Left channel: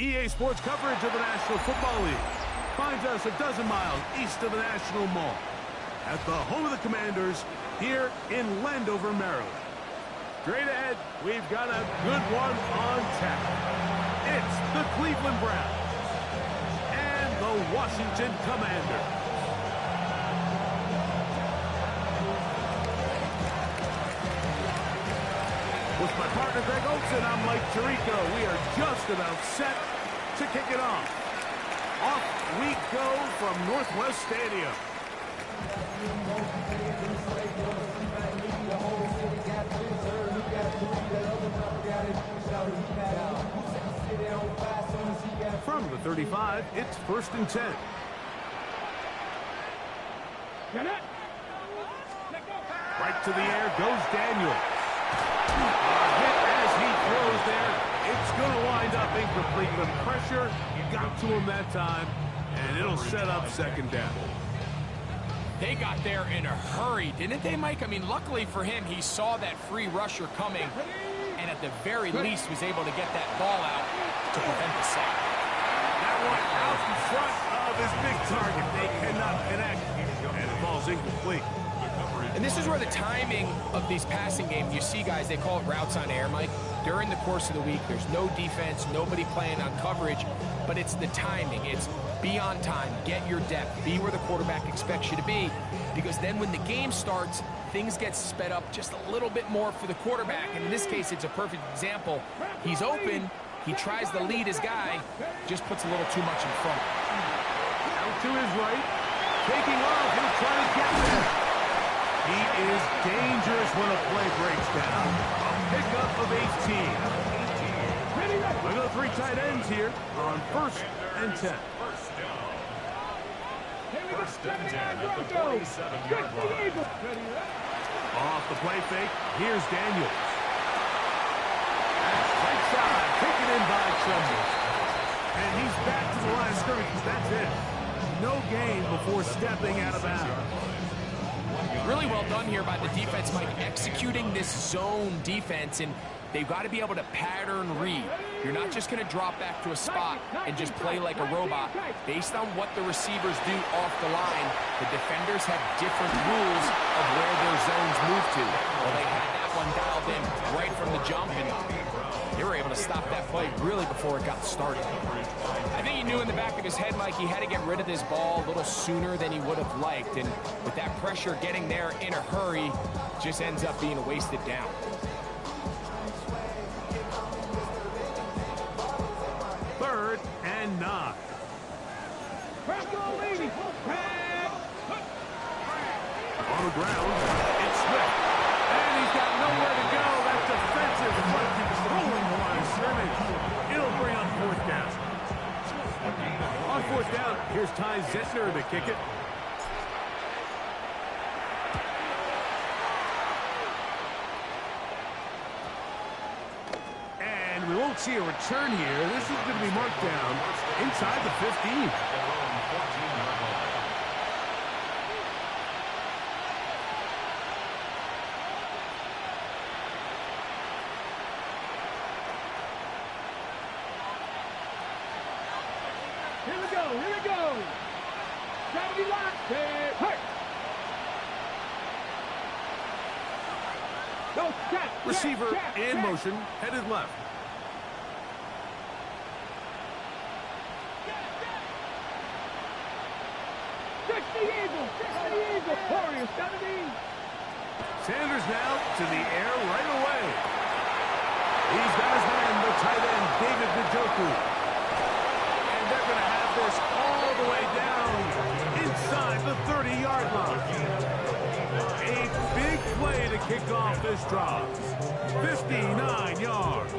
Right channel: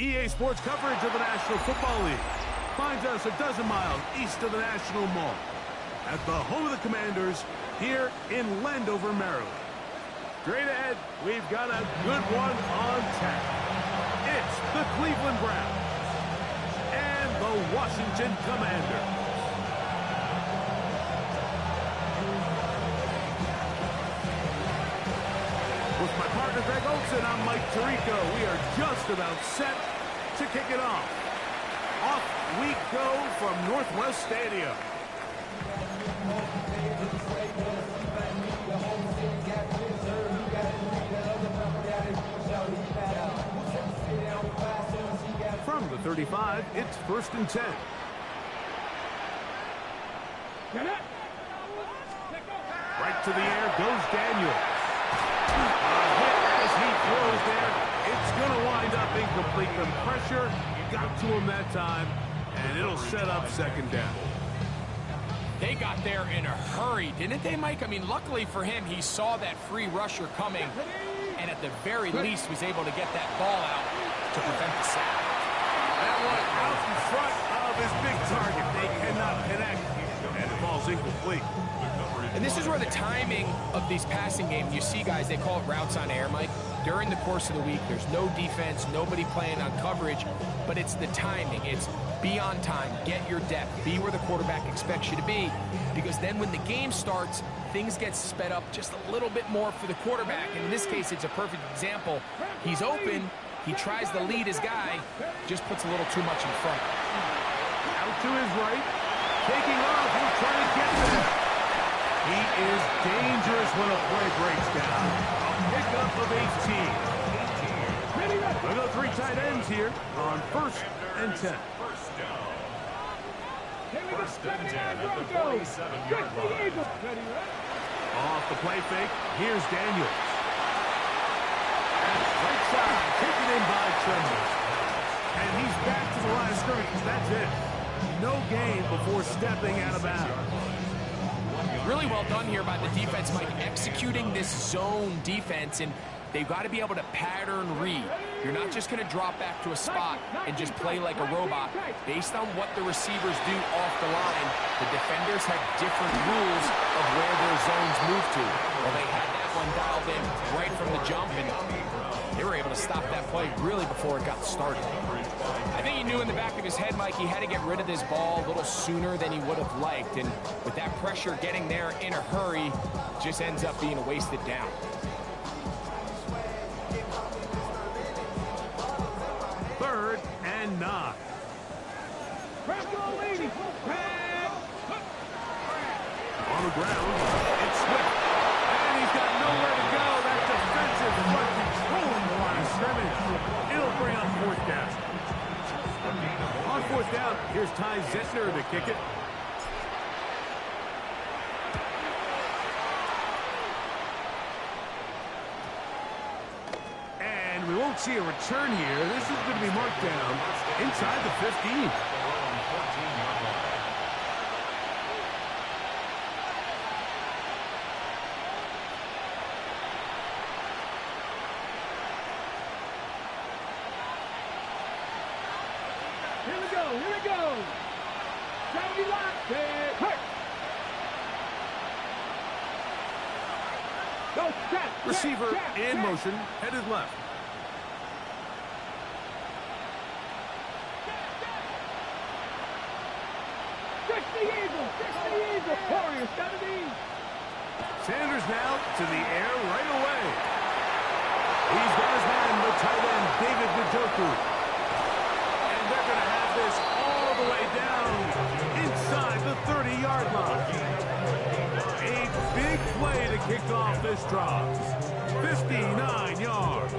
EA Sports coverage of the National Football League finds us a dozen miles east of the National Mall at the home of the Commanders here in Landover, Maryland. Straight ahead, we've got a good one on tap. It's the Cleveland Browns and the Washington Commanders. With my partner Greg Olsen, I'm Mike Tirico. We are just about set to kick it off. Off we go from Northwest Stadium. From the 35, it's 1st and 10. Right to the air goes Daniels. A hit as he throws there. It's going to wind up incomplete. The pressure got to him that time, and it'll set up 2nd down. They got there in a hurry, didn't they, Mike? I mean, luckily for him, he saw that free rusher coming, and at the very least was able to get that ball out to prevent the sack. That one out in front of his big target. They cannot connect, and it falls incomplete. And this is where the timing of these passing games, you see, guys, they call it routes on air, Mike. During the course of the week, there's no defense, nobody playing on coverage, but it's the timing. It's be on time, get your depth, be where the quarterback expects you to be, because then when the game starts, things get sped up just a little bit more for the quarterback. And in this case, it's a perfect example. He's open, he tries to lead his guy, just puts a little too much in front. Out to his right, taking off, he'll try to get there. He is dangerous when a play breaks down. A pickup of 18. We've got 3 tight ends here on 1st and 10. First and 10 at the 47-yard line. Off the play fake, here's Daniels. And right side, taken in by Tremble. And he's back to the line of scrimmage. That's it. No gain before stepping out of bounds. Really well done here by the defense, Mike, executing this zone defense, and they've got to be able to pattern read. You're not just going to drop back to a spot and just play like a robot. Based on what the receivers do off the line, the defenders have different rules of where their zones move to. Well, they had that one dialed in right from the jump, and they were able to stop that play really before it got started. I think he knew in the back of his head, Mike, he had to get rid of this ball a little sooner than he would have liked, and with that pressure getting there in a hurry, just ends up being a wasted down. Third and 9. On the ground, it's Swift. And he's got nowhere to go. That defensive front controlling the line of scrimmage. It'll bring up 4th down. On 4th down, here's Ty Zentner to kick it. And we won't see a return here. This is going to be marked down inside the 15. Here we go. 70 lock, hurt. Go, check. Receiver in motion, headed left. Fix the eagle. Warriors, 70. Sanders now to the air right away. He's got his man, the tight end, David Njoku. They're going to have this all the way down inside the 30-yard line. A big play to kick off this drive. 59 yards.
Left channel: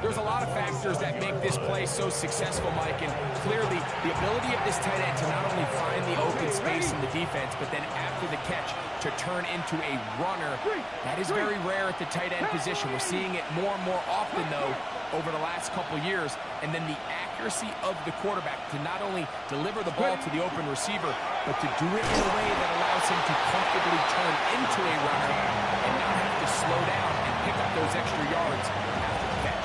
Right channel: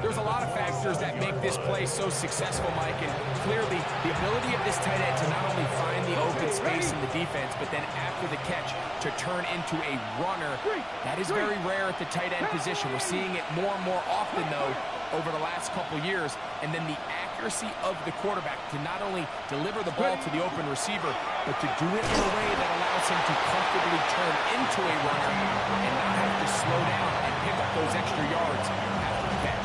There's a lot of factors that make this play so successful, Mike, and clearly the ability of this tight end to not only find the open space in the defense, but then after the catch to turn into a runner. That is very rare at the tight end position. We're seeing it more and more often, though, over the last couple years. And then the accuracy of the quarterback to not not only deliver the ball to the open receiver, but to do it in a way that allows him to comfortably turn into a runner and not have to slow down and pick up those extra yards after the catch.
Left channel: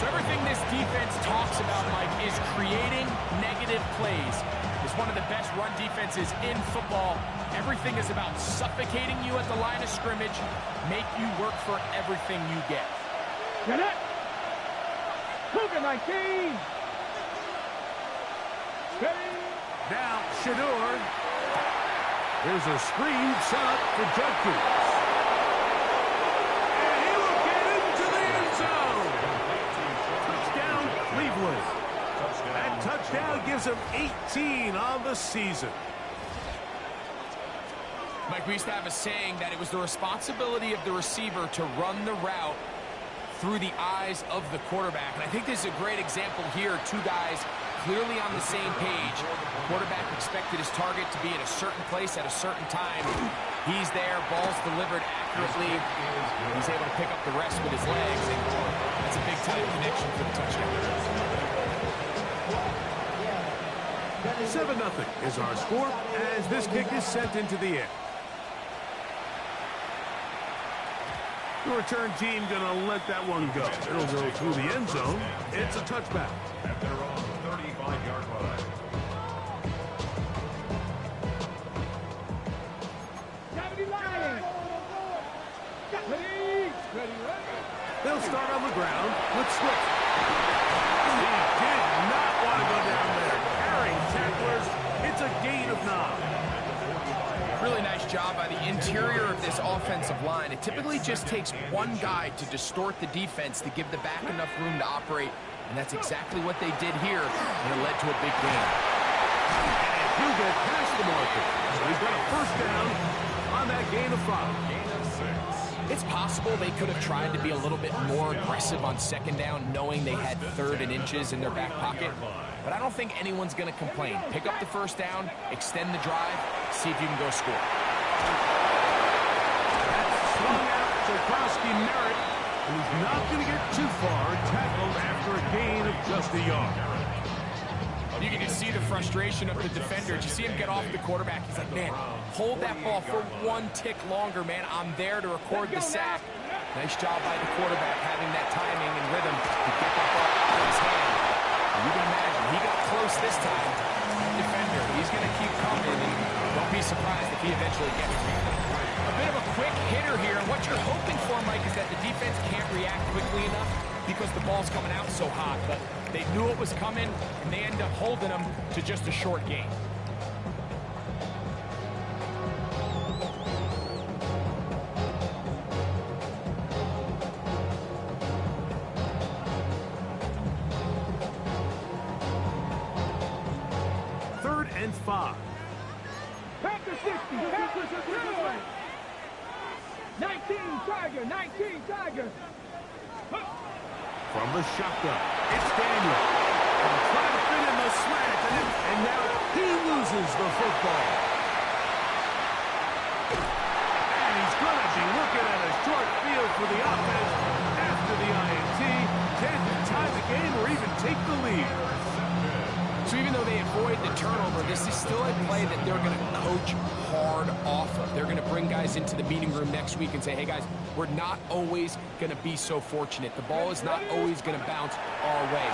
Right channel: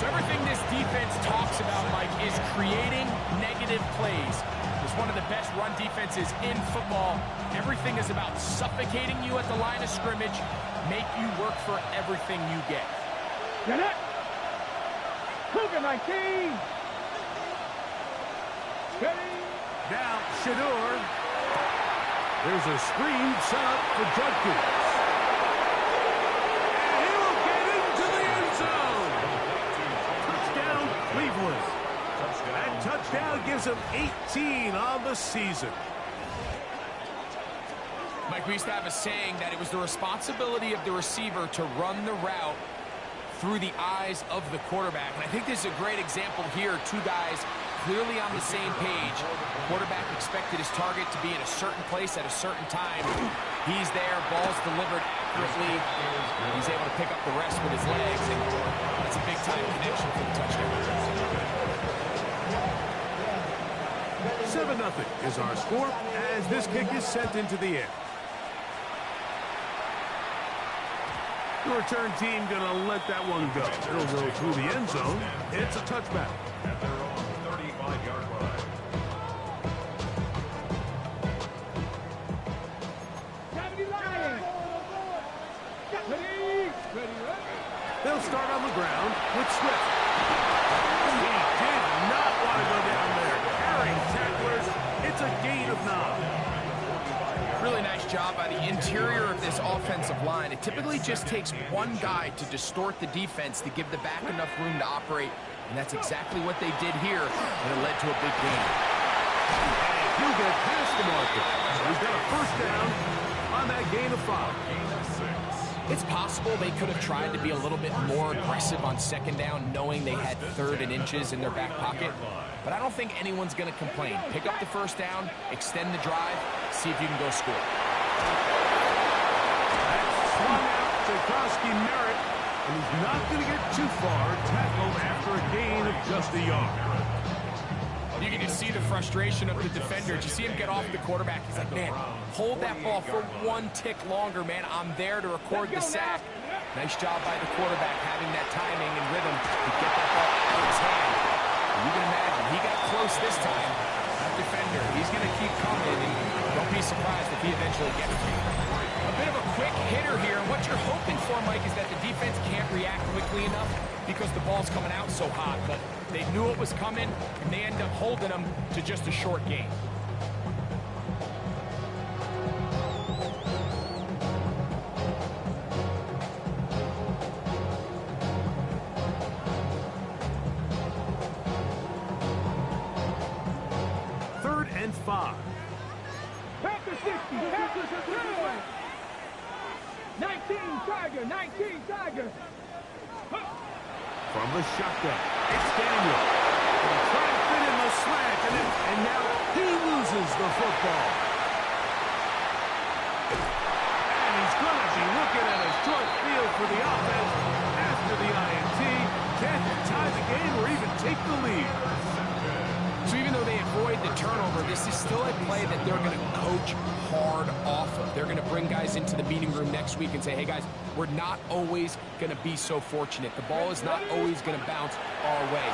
So everything this defense talks about, Mike, is creating negative plays. It's one of the best run defenses in football. Everything is about suffocating you at the line of scrimmage, make you work for everything you get. Get it! Cougar 19! Ready? Now, Shedeur. There's a screen set up for Judkins. And he will get into the end zone. Touchdown, Cleveland. That touchdown gives him 18 on the season. Mike, we used to have a saying that it was the responsibility of the receiver to run the route through the eyes of the quarterback. And I think this is a great example here. Two guys clearly on the same page. Quarterback expected his target to be in a certain place at a certain time. He's there, ball's delivered accurately. He's able to pick up the rest with his legs, and that's a big-time connection for the touchdown. 7-0 is our score as this kick is sent into the air. The return team gonna let that one go. It'll go through the end zone. It's a touchback. At their own 35-yard line. They'll start on the ground with Swift. He did not want to go down there. Carrying tacklers. It's a gain of 9. Really nice job by the interior of this offensive line. It typically just takes one guy to distort the defense to give the back enough room to operate, and that's exactly what they did here, and it led to a big gain. And he'll get past the marker. So he's got a first down on that gain of 5. Gain of 6. It's possible they could have tried to be a little bit more aggressive on second down, knowing they had 3rd and inches in their back pocket. But I don't think anyone's going to complain. Pick up the first down, extend the drive, see if you can go score. That's swung out to Krosky-Merritt, and he's not going to get too far, tackled after a gain of just a yard. You can just see the frustration of the defender. Did you see him get off the quarterback? He's like, man, hold that ball for one tick longer, man. I'm there to record the sack. Nice job by the quarterback having that timing and rhythm to get that ball out of his hand. And you can imagine, he got close this time. That defender, he's going to keep coming, and don't be surprised if he eventually gets to him. A bit of a quick hitter here, and what you're hoping for, Mike, is that the defense can't react quickly enough because the ball's coming out so hot, but they knew it was coming, and they end up holding them to just a short gain. Third and 5. Panther 60, Panther 19 Tiger, 19 Tiger. From the shotgun, it's Daniel. And trying to fit in the slant, and now he loses the football. And he's going to be looking at a short field for the offense after the INT. Can't tie the game or even take the lead. So even though they avoid the turnover, this is still a play that they're going to coach hard off of. They're going to bring guys into the meeting room next week and say, hey, guys, we're not always going to be so fortunate. The ball is not always going to bounce our way.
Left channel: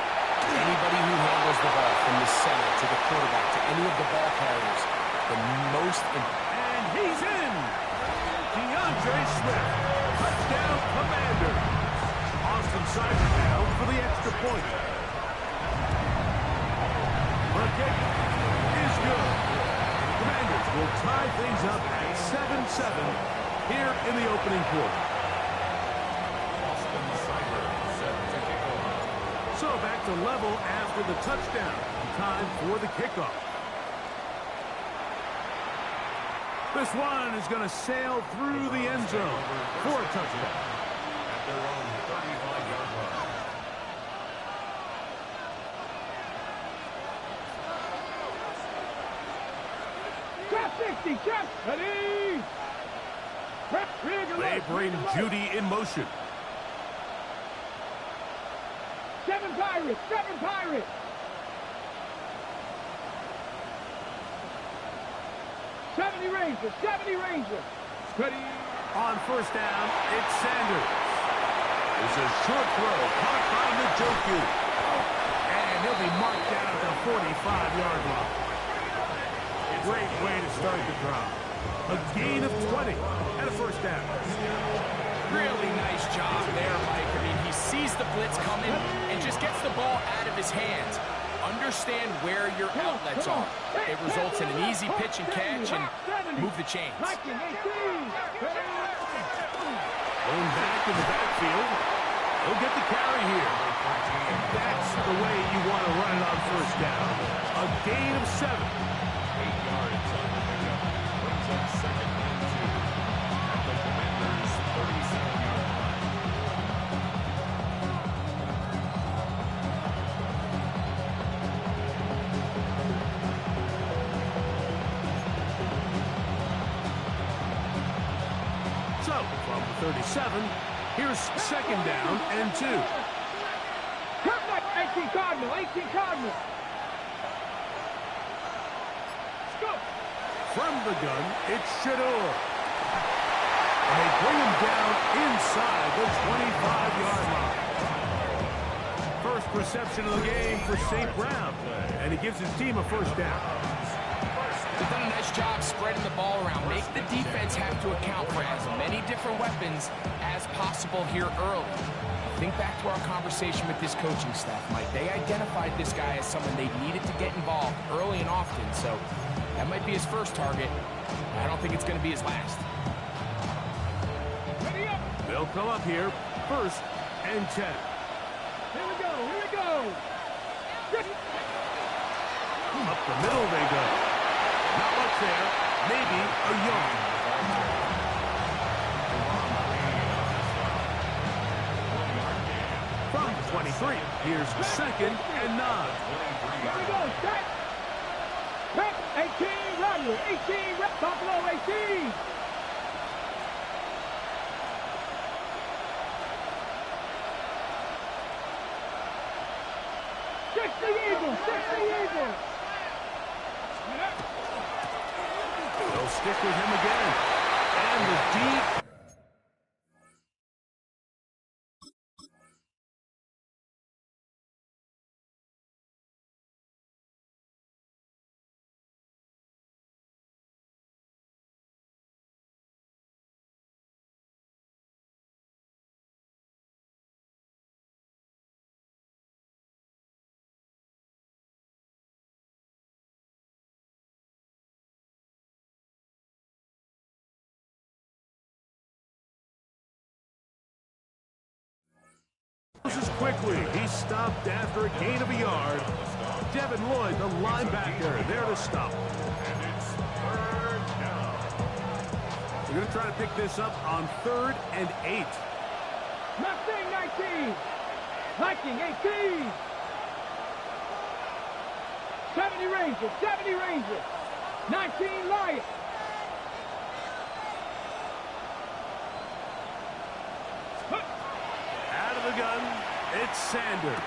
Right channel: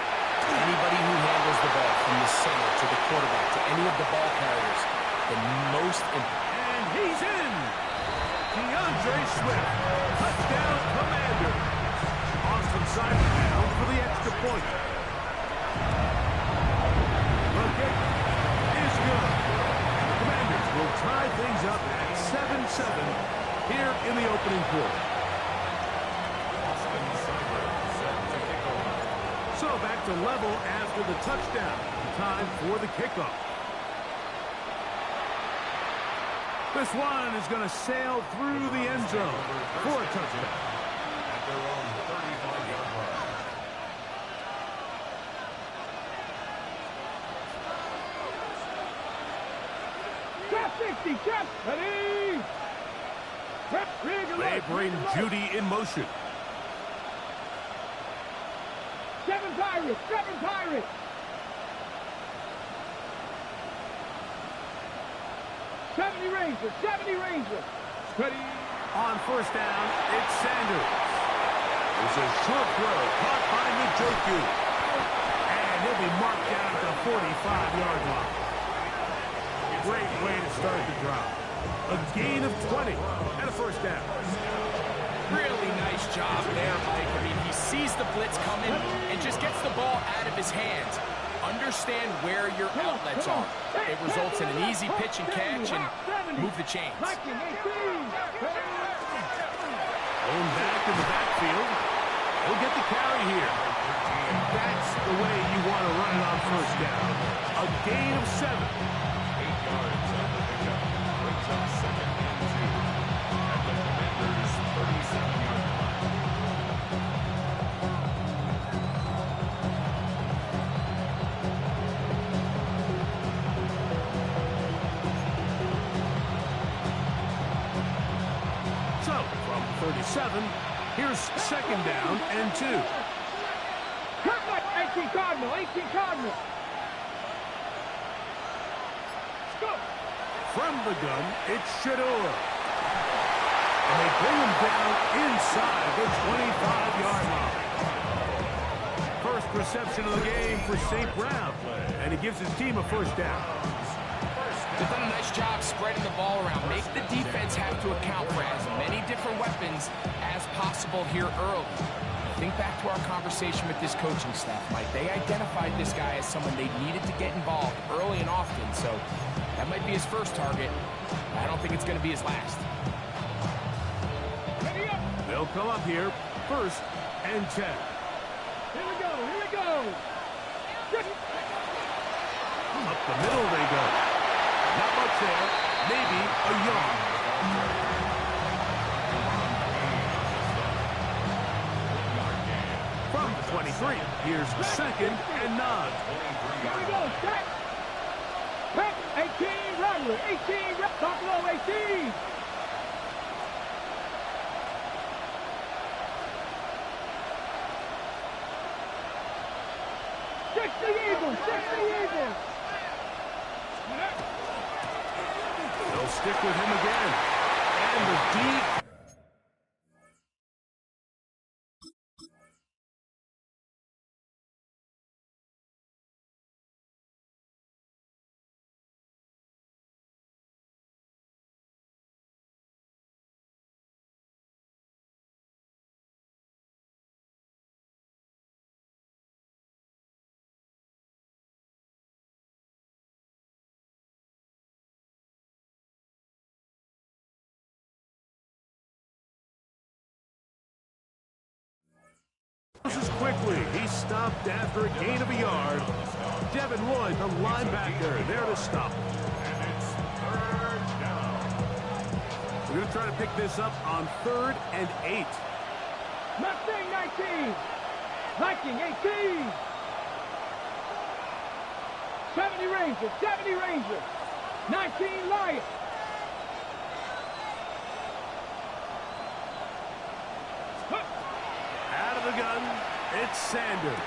Anybody who handles the ball from the center to the quarterback to any of the ball carriers, the most important. And he's in. DeAndre Swift. Touchdown, Commanders. Austin Seibert now for the extra point. The kick is good. The Commanders will tie things up at 7-7 here in the opening quarter. Austin Seibert set to kick off. So back to level after the touchdown. Time for the kickoff. This one is going to sail through the end zone for a touchdown. At their own 35-yard line. Trap 60, trap, ready. Trap, They bring Judy in motion. 7 Pirates, 7 Pirates. 70 Ranger, 70 Ranger. Ready. On first down, it's Sanders. It's a short throw caught by Njoku. And he'll be marked down at the 45-yard line. Great way to start the drive. A gain of 20 and a first down. Really nice job there, Mike. I mean, he sees the blitz coming and just gets the ball out of his hands. Understand where your outlets are. It results in an easy pitch and catch and move the chains. Going back in the backfield. He'll get the carry here. And that's the way you want to run it on first down. A gain of 7. 8 yards on the pickup. Brings up 2nd and 2 at the Commanders' 37-yard line. So, from 37, here's 2nd down and 2. 18 Cardinal, 18 Cardinal. Let's go. From the gun, it's Shedeur. And they bring him down inside the 25-yard line. First reception of the game for St. Brown. And he gives his team a first down. They've done a nice job spreading the ball around. Make the defense have to account for as many different weapons as possible here early. Think back to our conversation with this coaching staff, Mike. They identified this guy as someone they needed to get involved early and often, so that might be his first target. I don't think it's going to be his last. Ready up. They'll come up here, 1st and 10. Here we go, here we go. Up the middle they go. Not much there. Maybe a yard. From the 23, here's 2nd and 9. Here we go, set. Back, 18, Rattler, 18, Buffalo, 18. Eagles, 60 Eagles. They'll stick with him again. And the deep. Quickly, he stopped after a gain of a yard. Devin Lloyd, the linebacker, there to stop. And it's 3rd down. We're going to try to pick this up on 3rd and 8. Mustang 19. Viking 18. 70 Ranger, 70 Ranger. 19 Lion. Out of the gun, it's Sanders.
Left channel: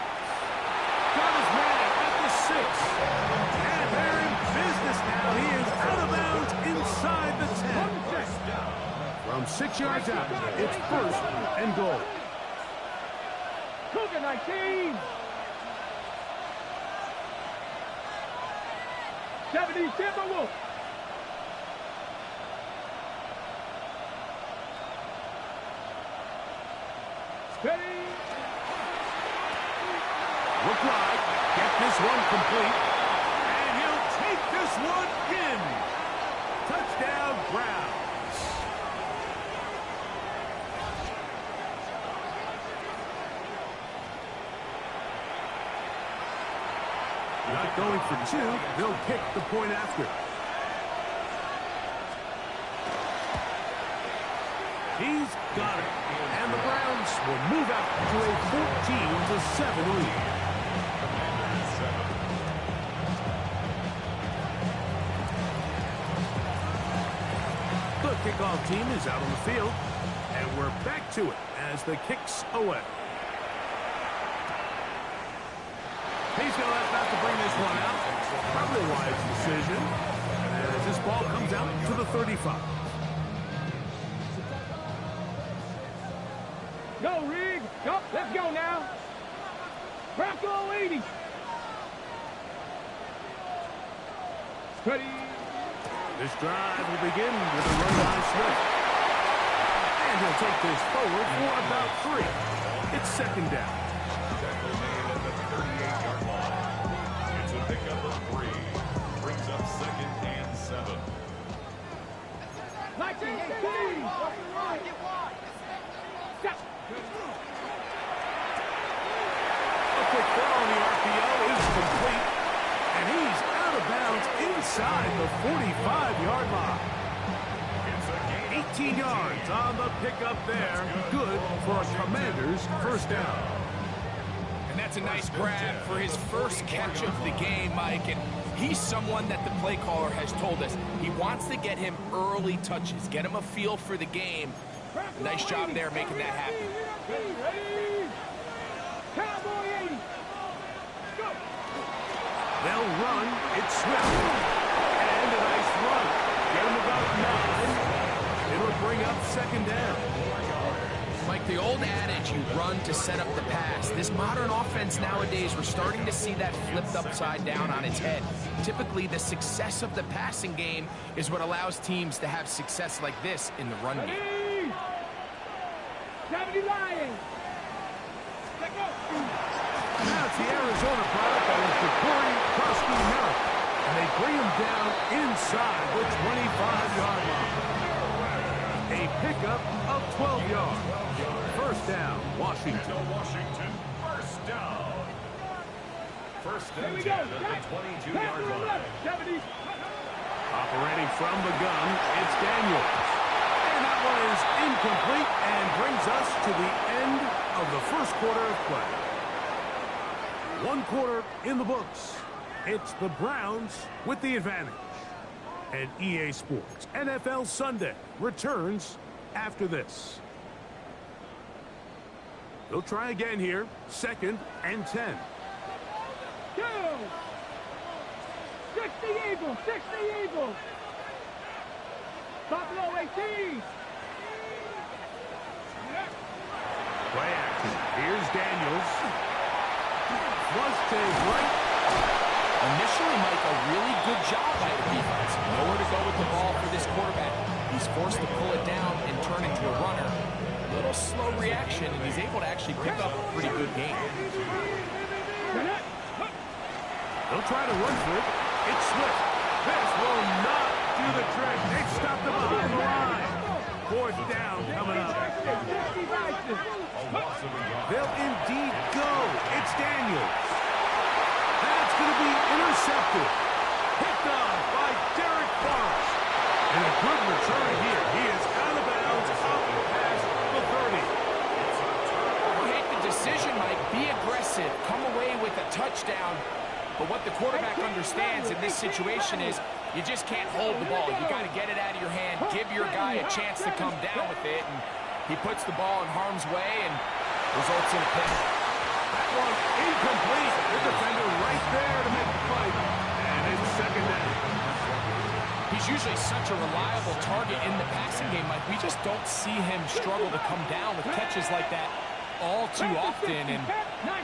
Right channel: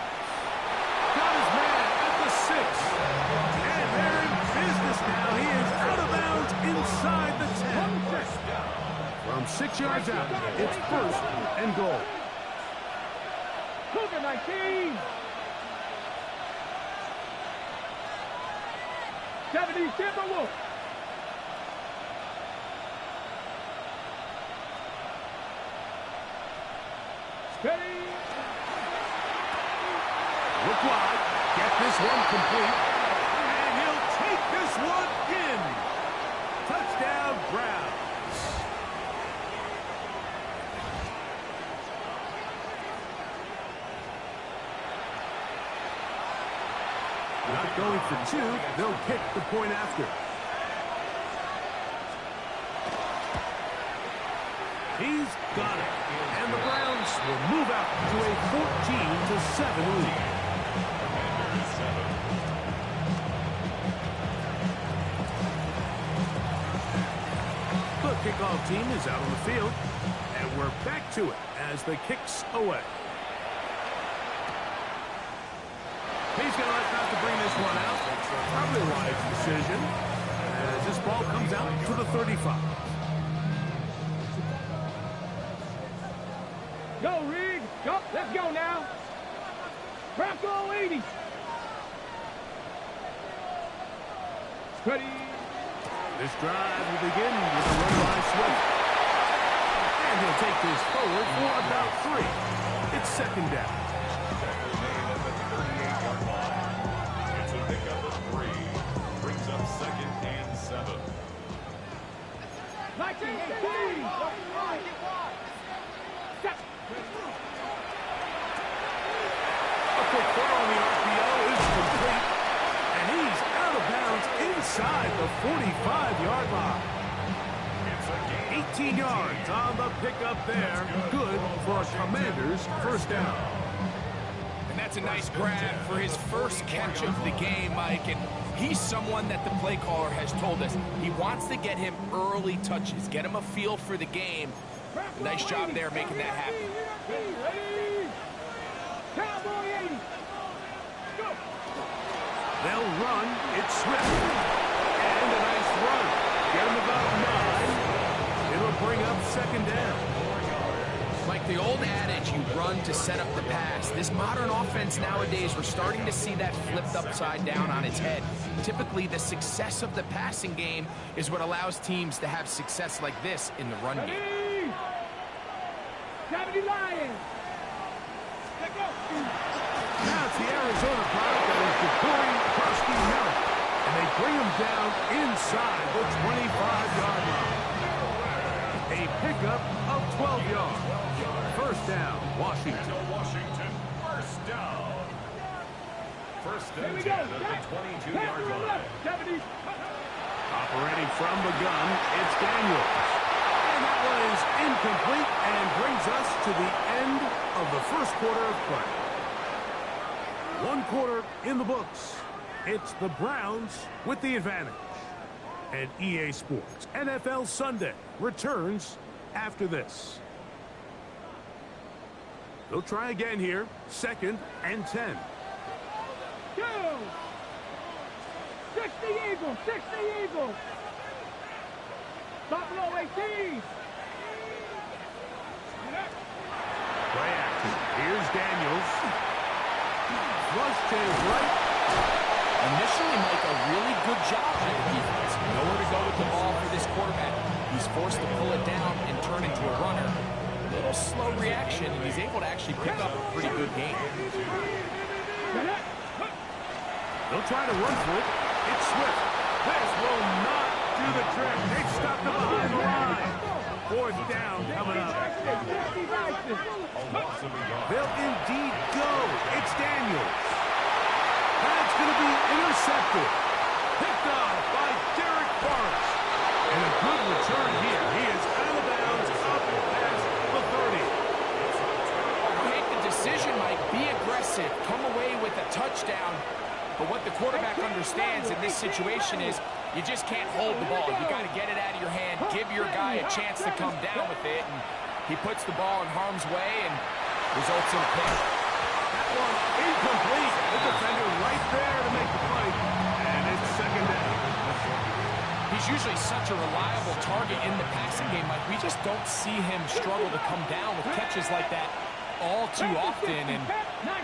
Got his man at the 6. And they're in business now. He is out of bounds inside the 10. From 6 yards out, it's 1st and goal. Cougar 19. 70 Timberwolf. Steady. Look wide. Get this one complete. And he'll take this one in. Touchdown, Browns. Not going for 2. They'll kick the point after. He's got it. And the Browns will move out to a 14-7 lead. Commanders 7. The kickoff team is out on the field. And we're back to it as the kick's away. He's going to let that to bring this one out. Probably a wise decision. as this ball comes out to the 35. Go, Rig. Go. Let's go now. Bronco 80. Ready. This drive will begin with a run by Swift. And he'll take this forward for about 3. It's second down. Tackle made at the 38-yard line. It's a pickup of 3. Brings up second and 7. 1918. Stop. A quick throw on the RPO is complete. And he's out of bounds inside the 45-yard line. It's a gain. 18 yards on the pickup there. Good for a Commander's first down. And that's a nice grab for his first catch of the game, Mike. And he's someone that the play caller has told us he wants to get him early touches, get him a feel for the game. Nice job there making that happen. Ready. Cowboy 80. Go. They'll run. It's Swift. And a nice run. Get him about 9. It'll bring up second down. Mike, the old adage, you run to set up the pass. This modern offense nowadays, we're starting to see that flipped upside down on its head. Typically, the success of the passing game is what allows teams to have success like this in the run game. Ready. 70 Lions. Let go. Now it's the Arizona product that is Ja'Cory Krusty-Merritt. And they bring him down inside the 25-yard line. A pickup of 12 yards. First down, Washington. Washington, first down. First Here and we 10 go. at the 22-yard line. 70. Operating from the gun, it's Daniels. And that one is incomplete and brings us to the end of the first quarter of play. 1 quarter in the books. It's the Browns with the advantage. And EA Sports NFL Sunday returns after this. They'll try again here. Second and 10. Go. 60 Eagles. 60 Eagles. Buffalo 18. Play action. Here's Daniels. Flush to his right. Initially, Mike, a really good job by the defense. Nowhere to go with the ball for this quarterback. He's forced to pull it down and turn into a runner. A little slow reaction, and he's able to actually pick up a pretty good game. They'll try to run for it. It's Swift. This will not do the trick. They stopped him behind the line. Fourth down coming up. They'll indeed go. It's Daniels. That's going to be intercepted. Picked off by Derek Forrest. And a good return here. He is out of bounds up past the 30. Make the decision, Mike. Be aggressive. Come away with a touchdown. But what the quarterback understands in this situation is you just can't hold the ball. You got to get it out of your hand. Give your guy a chance to come down with it. And he puts the ball in harm's way and results in a pick. That one incomplete. The defender right there to make the play. And it's second down. He's usually such a reliable target in the passing game, Mike. We just don't see him struggle to come down with catches like that all too often. And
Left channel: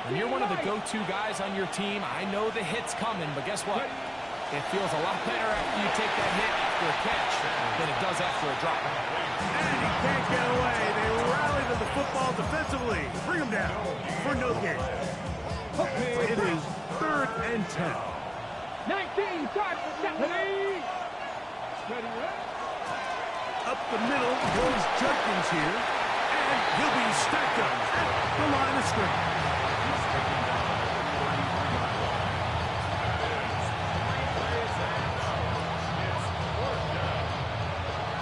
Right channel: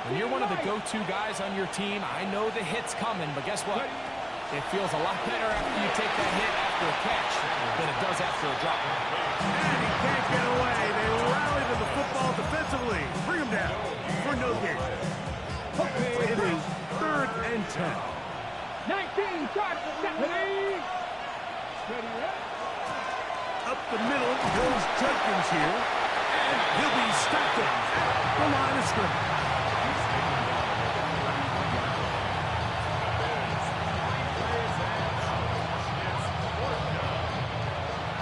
when you're one of the go-to guys on your team, I know the hit's coming, but guess what? It feels a lot better after you take that hit after a catch than it does after a drop. And he can't get away. They rally to the football defensively. Bring him down for no gain. It is third and 10. 19, charge for Stephanie. Up the middle goes Judkins here. And he'll be stacked up at the line of scrimmage.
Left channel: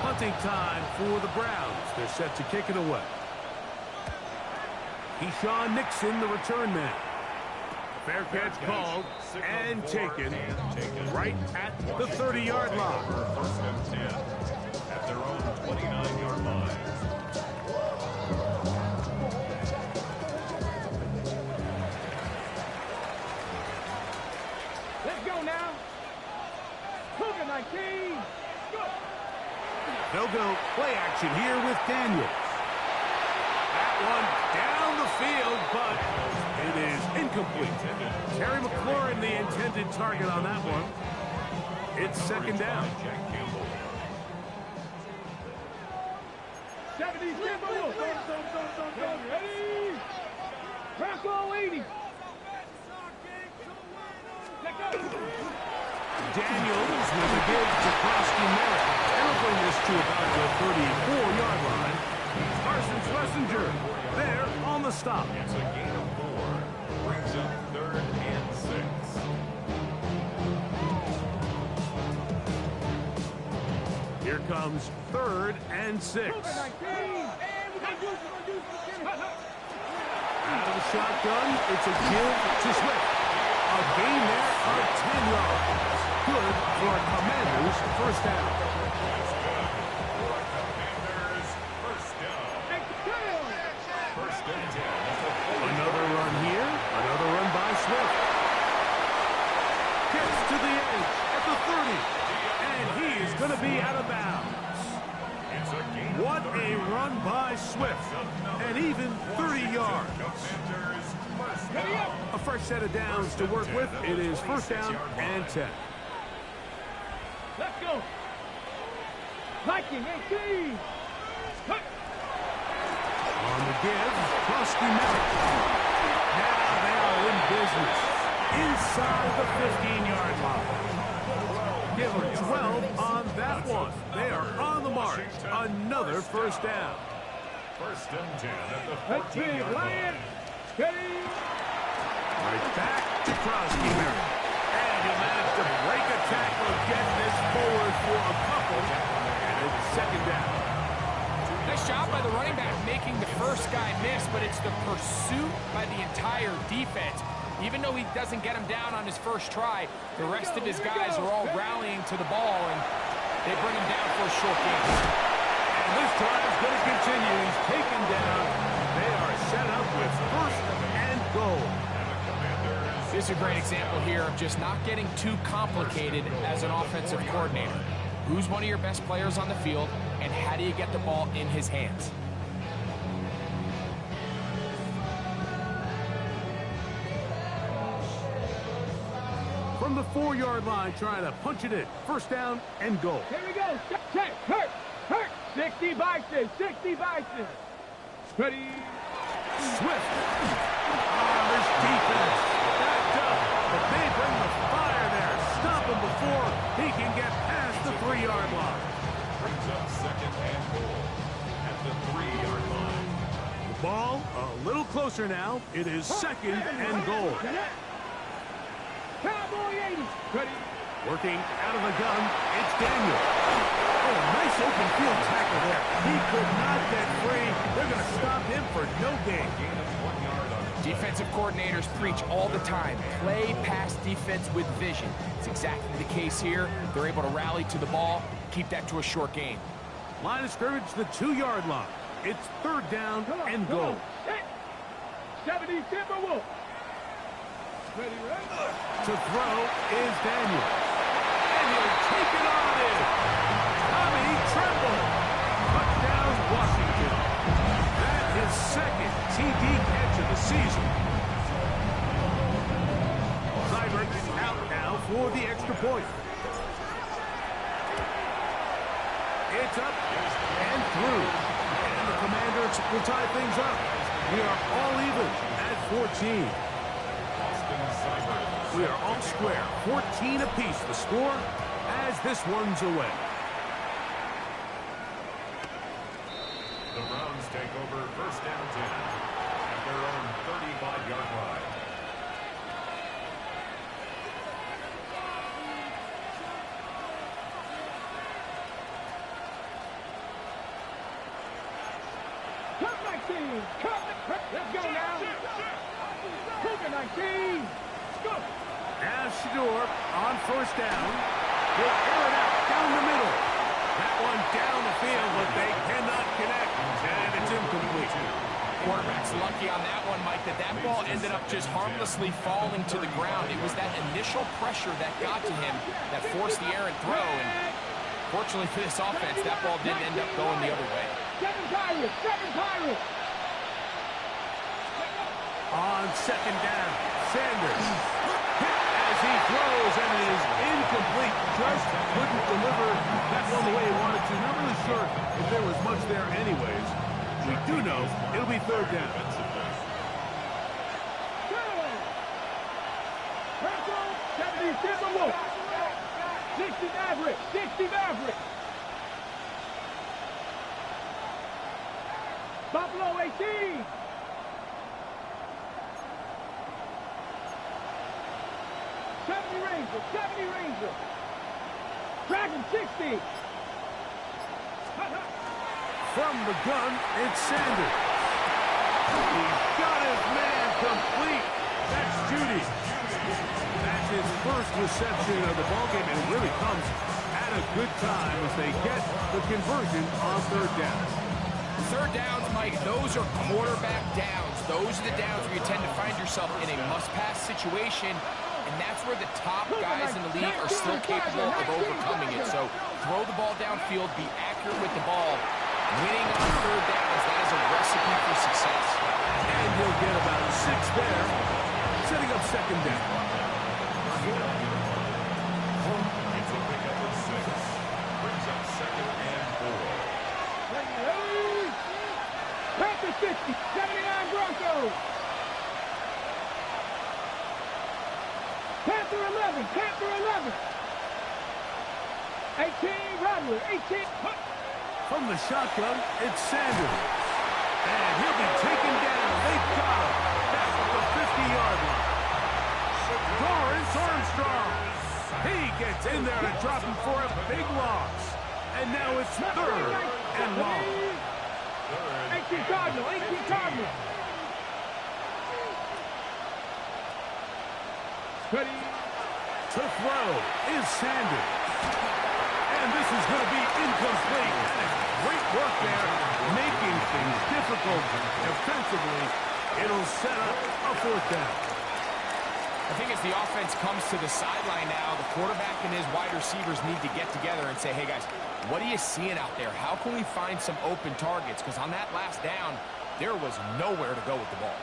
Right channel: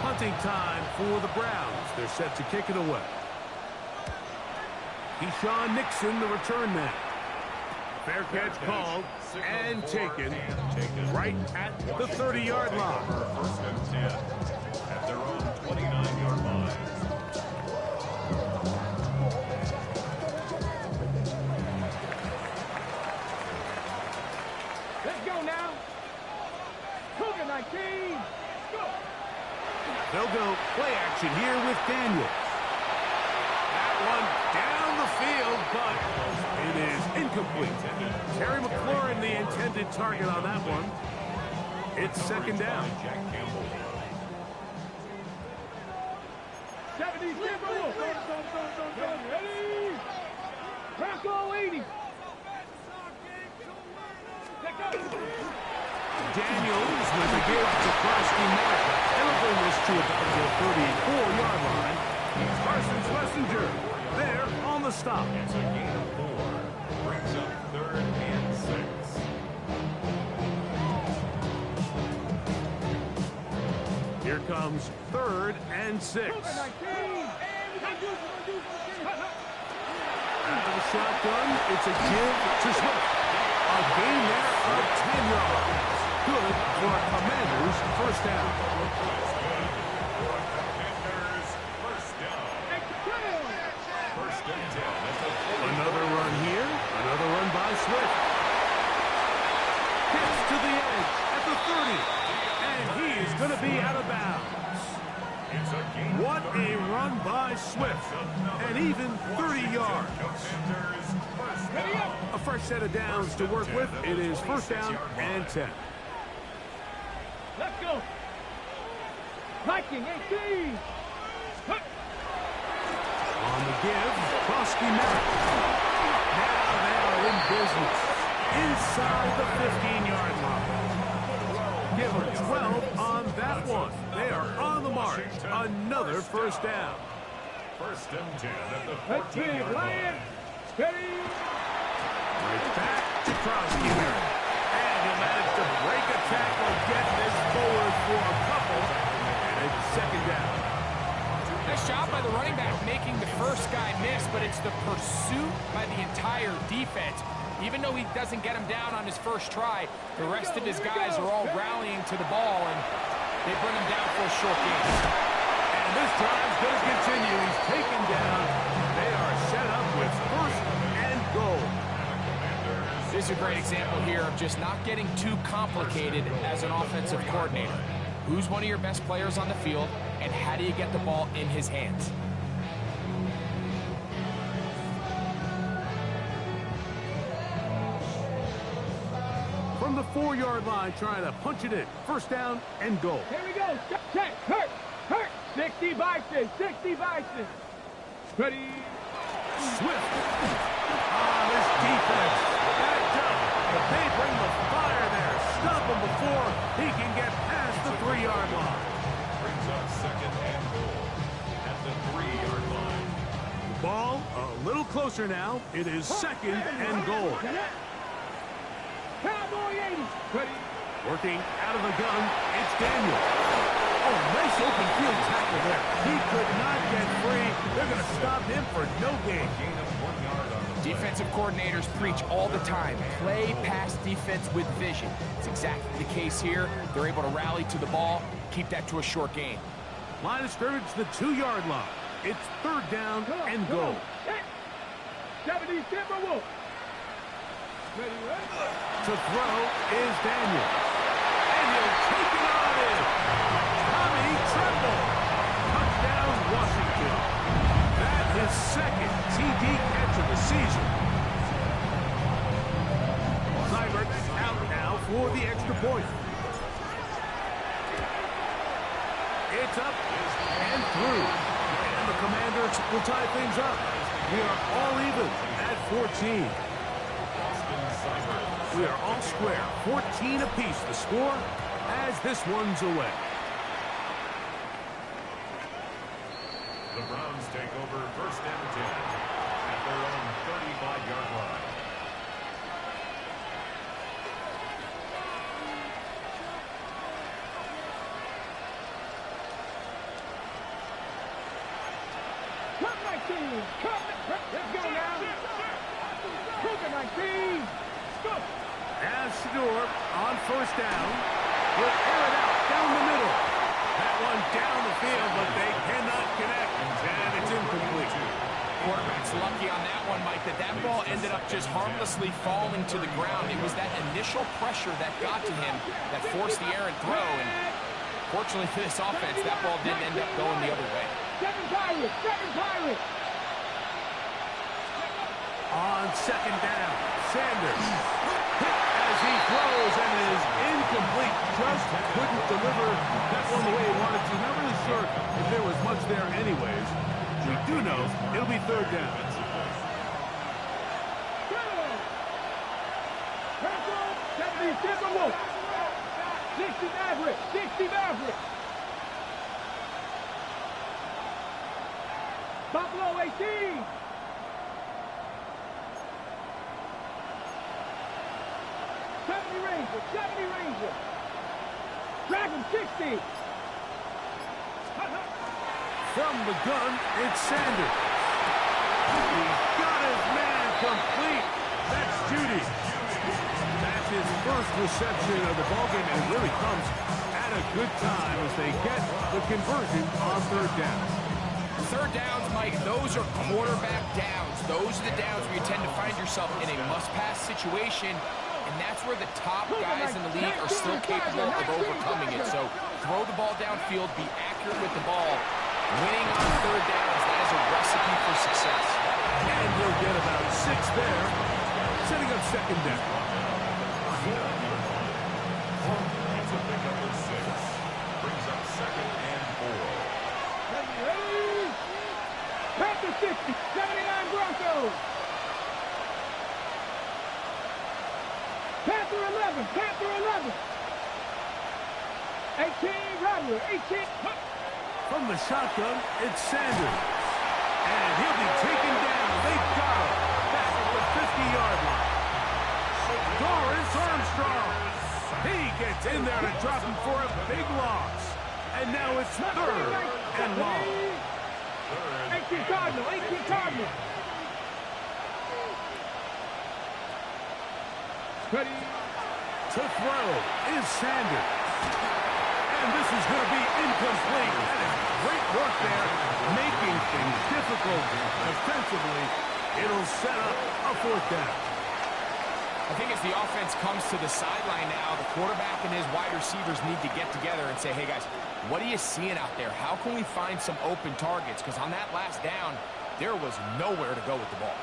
Hunting time for the Browns. They're set to kick it away. Keyshawn Nixon, the return man. Fair catch called and taken right at the 30-yard line. First and 10 at their own 29-yard line. Let's go now. Cougar 19. They'll go play action here with Daniels. That one down the field, but it is incomplete. Terry McLaurin, the intended target on that one. It's second down. 70, ready? Bronco 80. Daniels with a give to Krosky Merritt. That'll bring this to about the 34-yard line. Carson Schlesinger there on the stop. It's a gain of 4. Brings up 3rd and 6. Here comes 3rd and 6. Out of the shotgun, it's a give to Swift. A gain there of 10 yards. Good for a Commanders first down. That's good for a Commanders first down. First and 10 at the 40. Another run here. Another run by Swift. Gets to the edge at the 30. And he is going to be out of bounds. It's a gain of What a run by Swift. And even 30 yards. Commanders first down. A fresh set of downs to work with. It is first down and 10. Let's go. Viking 18. On the give, Krosky Merritt. Now they are in business. Inside the 15-yard line. Give them 12 on that one. They are on the march. Another first down. First and 10 at the Let's big 14-yard line. Lion. Steady. Right back to Krosky Merritt. And he'll manage to break a tackle, get this forward for a couple. And it's second down. Nice job by the running back making the first guy miss, but it's the pursuit by the entire defense. Even though he doesn't get him down on his first try, the rest of his guys are all rallying to the ball, and they bring him down for a short gain. And this drive's going to continue. He's taken down. They are set up with first and goal. This is a great example here of just not getting too complicated as an offensive coordinator. Who's one of your best players on the field, and how do you get the ball in his hands? From the 4-yard line, trying to punch it in. First down and goal. Here we go. Check. Hurt. 60 Bison. 60 Bison. Ready. Swift. This defense backed up, but they bring the fire there. Stop him before he can get past the 3-yard line. Brings up 2nd and goal at the 3-yard line. The ball a little closer now. It is 2nd and goal. Cowboy 80. Ready. Working out of the gun, it's Daniel. Oh, nice open field tackle there. He could not get free. They're going to stop him for no gain. Gain of 1 yard on the play. Defensive coordinators preach all the time, play pass defense with vision. It's exactly the case here. They're able to rally to the ball, keep that to a short gain. Line of scrimmage, the 2-yard line. It's 3rd down and goal. 70 Timberwolves. Ready. To throw is Daniel. And he'll take it on in. Tommy Tremble. Touchdown, Washington. That is 2nd TD catch of the season. Seibert out now for the extra point. It's up and through. And the Commanders will tie things up. We are all even at 14. We are all square. 14 apiece the score as this one's away. The Browns take over 1st and 10 at their own 35-yard line. Let's go now. Cougar 19. Go. As Shador on first down. He'll air it out down the middle. That one down the field, but they cannot connect. And it's incomplete. Quarterback's lucky on that one, Mike, that ball ended up just harmlessly falling to the ground. It was that initial pressure that got to him that forced the errant throw, and Fortunately for this offense, that ball didn't end up going the other way. Seven Pirates, seven Pirates. On second down, Sanders hit as he throws, and it is incomplete. Just couldn't deliver that one the way he wanted to. Not really sure if there was much there anyways. We do know it'll be third down. Purple, 70 Timberwolves. 60 Maverick, 60 Maverick. Buffalo 18. Ranger, 70 Ranger. Dragon 60. From the gun, it's Sanders. He's got his man complete. That's Judy. That's his first reception of the ballgame, and it really comes at a good time as they get the conversion on third down. Third downs, Mike, those are quarterback downs. Those are the downs where you tend to find yourself in a must-pass situation, and that's where the top guys in the league are still capable of overcoming it. So throw the ball downfield, be accurate with the ball. Winning on third downs, that is a recipe for success. And he'll get about 6 there, setting up second down. It's a pickup of 6. Brings up second and 4. Ready. Panther 60, 79 Broncos. Panther 11, Panther 11. 18 Rattler, 18. From the shotgun, it's Sanders. And he'll be taken down. They've got him back at the 50-yard line. Dorrance Armstrong. He gets in there to drop him for a big loss. And now it's third and long. 18 Cardinal, 18 Cardinal. Ready. To throw is Sanders. And this is going to be incomplete. That is great work there, making things difficult defensively. It'll set up a fourth down. I think as the offense comes to the sideline now, the quarterback and his wide receivers need to get together and say, hey, guys, what are you seeing out there? How can we find some open targets? Because on that last down, there was nowhere to go with the ball.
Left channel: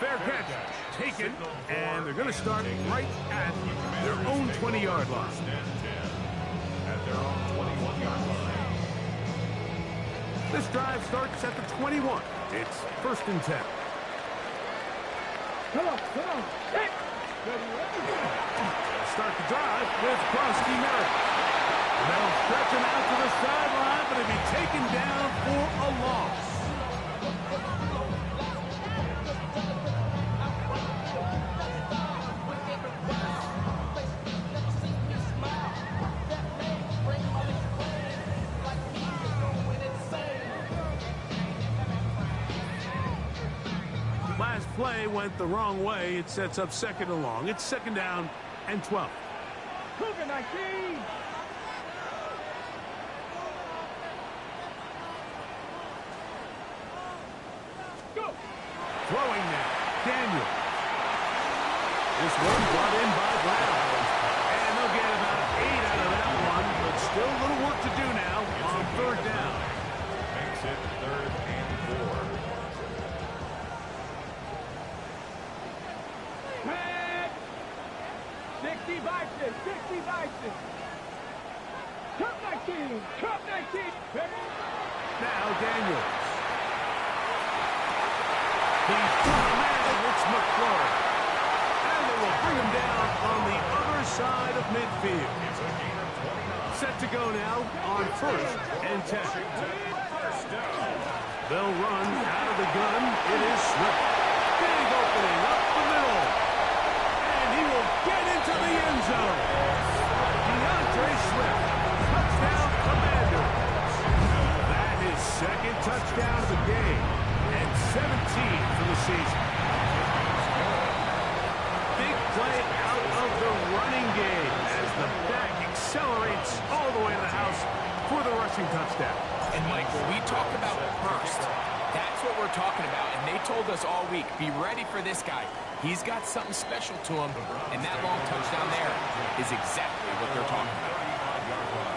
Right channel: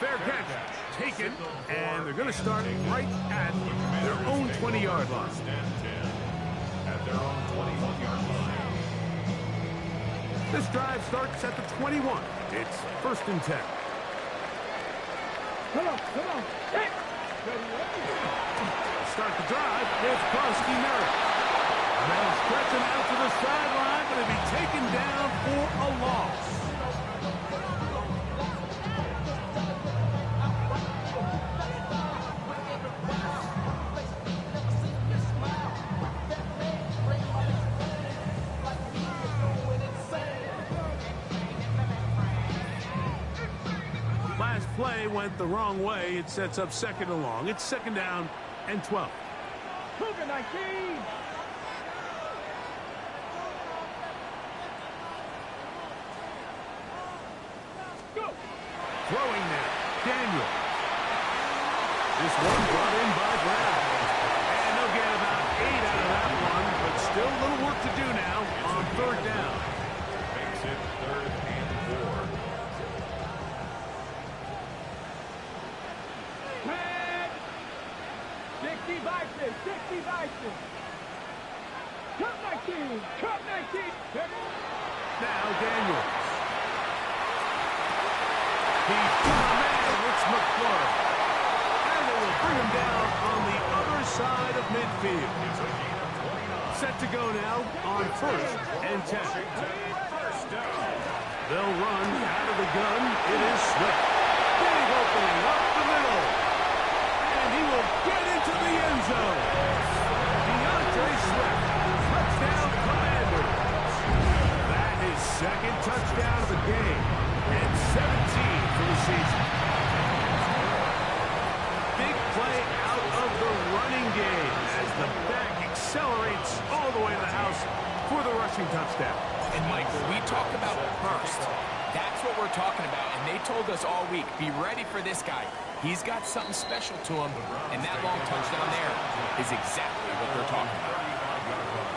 Fair catch taken, and they're going to start right at their own 20-yard line. At their own 21-yard line. This drive starts at the 21. It's first and 10. Come on, come on. Hey. Ready, ready. Start the drive with Krosky Merritt. They'll stretch him out to the sideline, but he'll be taken down for a loss. Last play went the wrong way. It sets up second and long. It's second down and 12. Cougar 19. Go. Throwing now, Daniel. This one brought in by Brown. And they'll get about 8 out of that one, but still a little work to do now on third down. Makes it third and 4. Red. 60 Bison, 60 Bison. Cup 19, Cup 19. Now Daniels. He's got a man. It's McClure. And they will bring him down on the other side of midfield. It's a gain of 29. Set to go now on first and 10. First down. They'll run out of the gun. It is Swift. Big opening up the middle. And he will get into the end zone. DeAndre Swift. Touchdown, Commanders. That is second touchdown of the game. And 17 for the season. Big play out of the running game as the back accelerates all the way to the house for the rushing touchdown. And, Mike, when we talk about burst, That's what we're talking about, and they told us all week, be ready for this guy. He's got something special to him, and that long touchdown there is exactly what they're talking about. 35-yard line.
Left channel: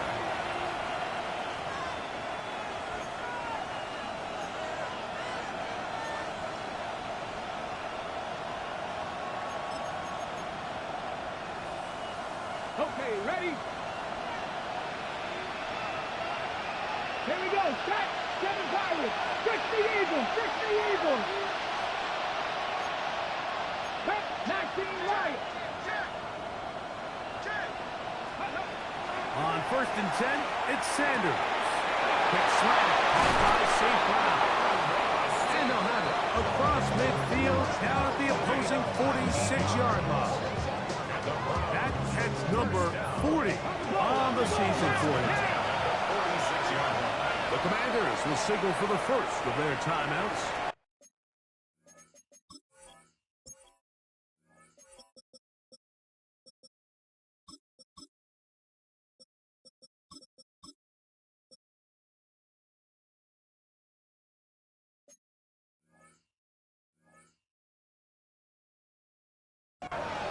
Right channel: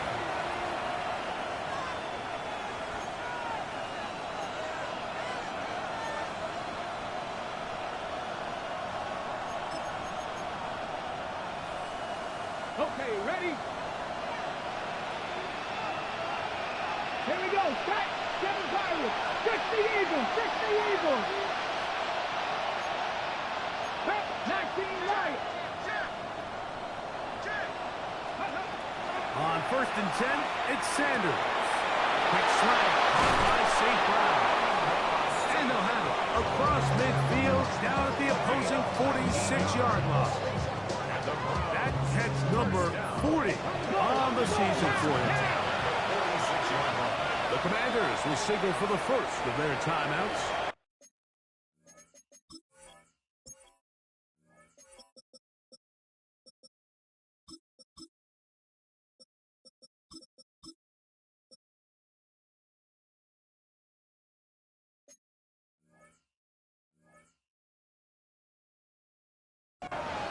Okay, ready? Here we go. Set. 7 Pirates. 60 Eagles. 60 Eagles. Pep. 19 Lions. On 1st and 10, it's Sanders. Quick slant, caught by St. Brown. And they'll have it across midfield, down at the opposing 46-yard line. That catch number 40 on the season for him. 46-yard line. The Commanders will signal for the first of their timeouts.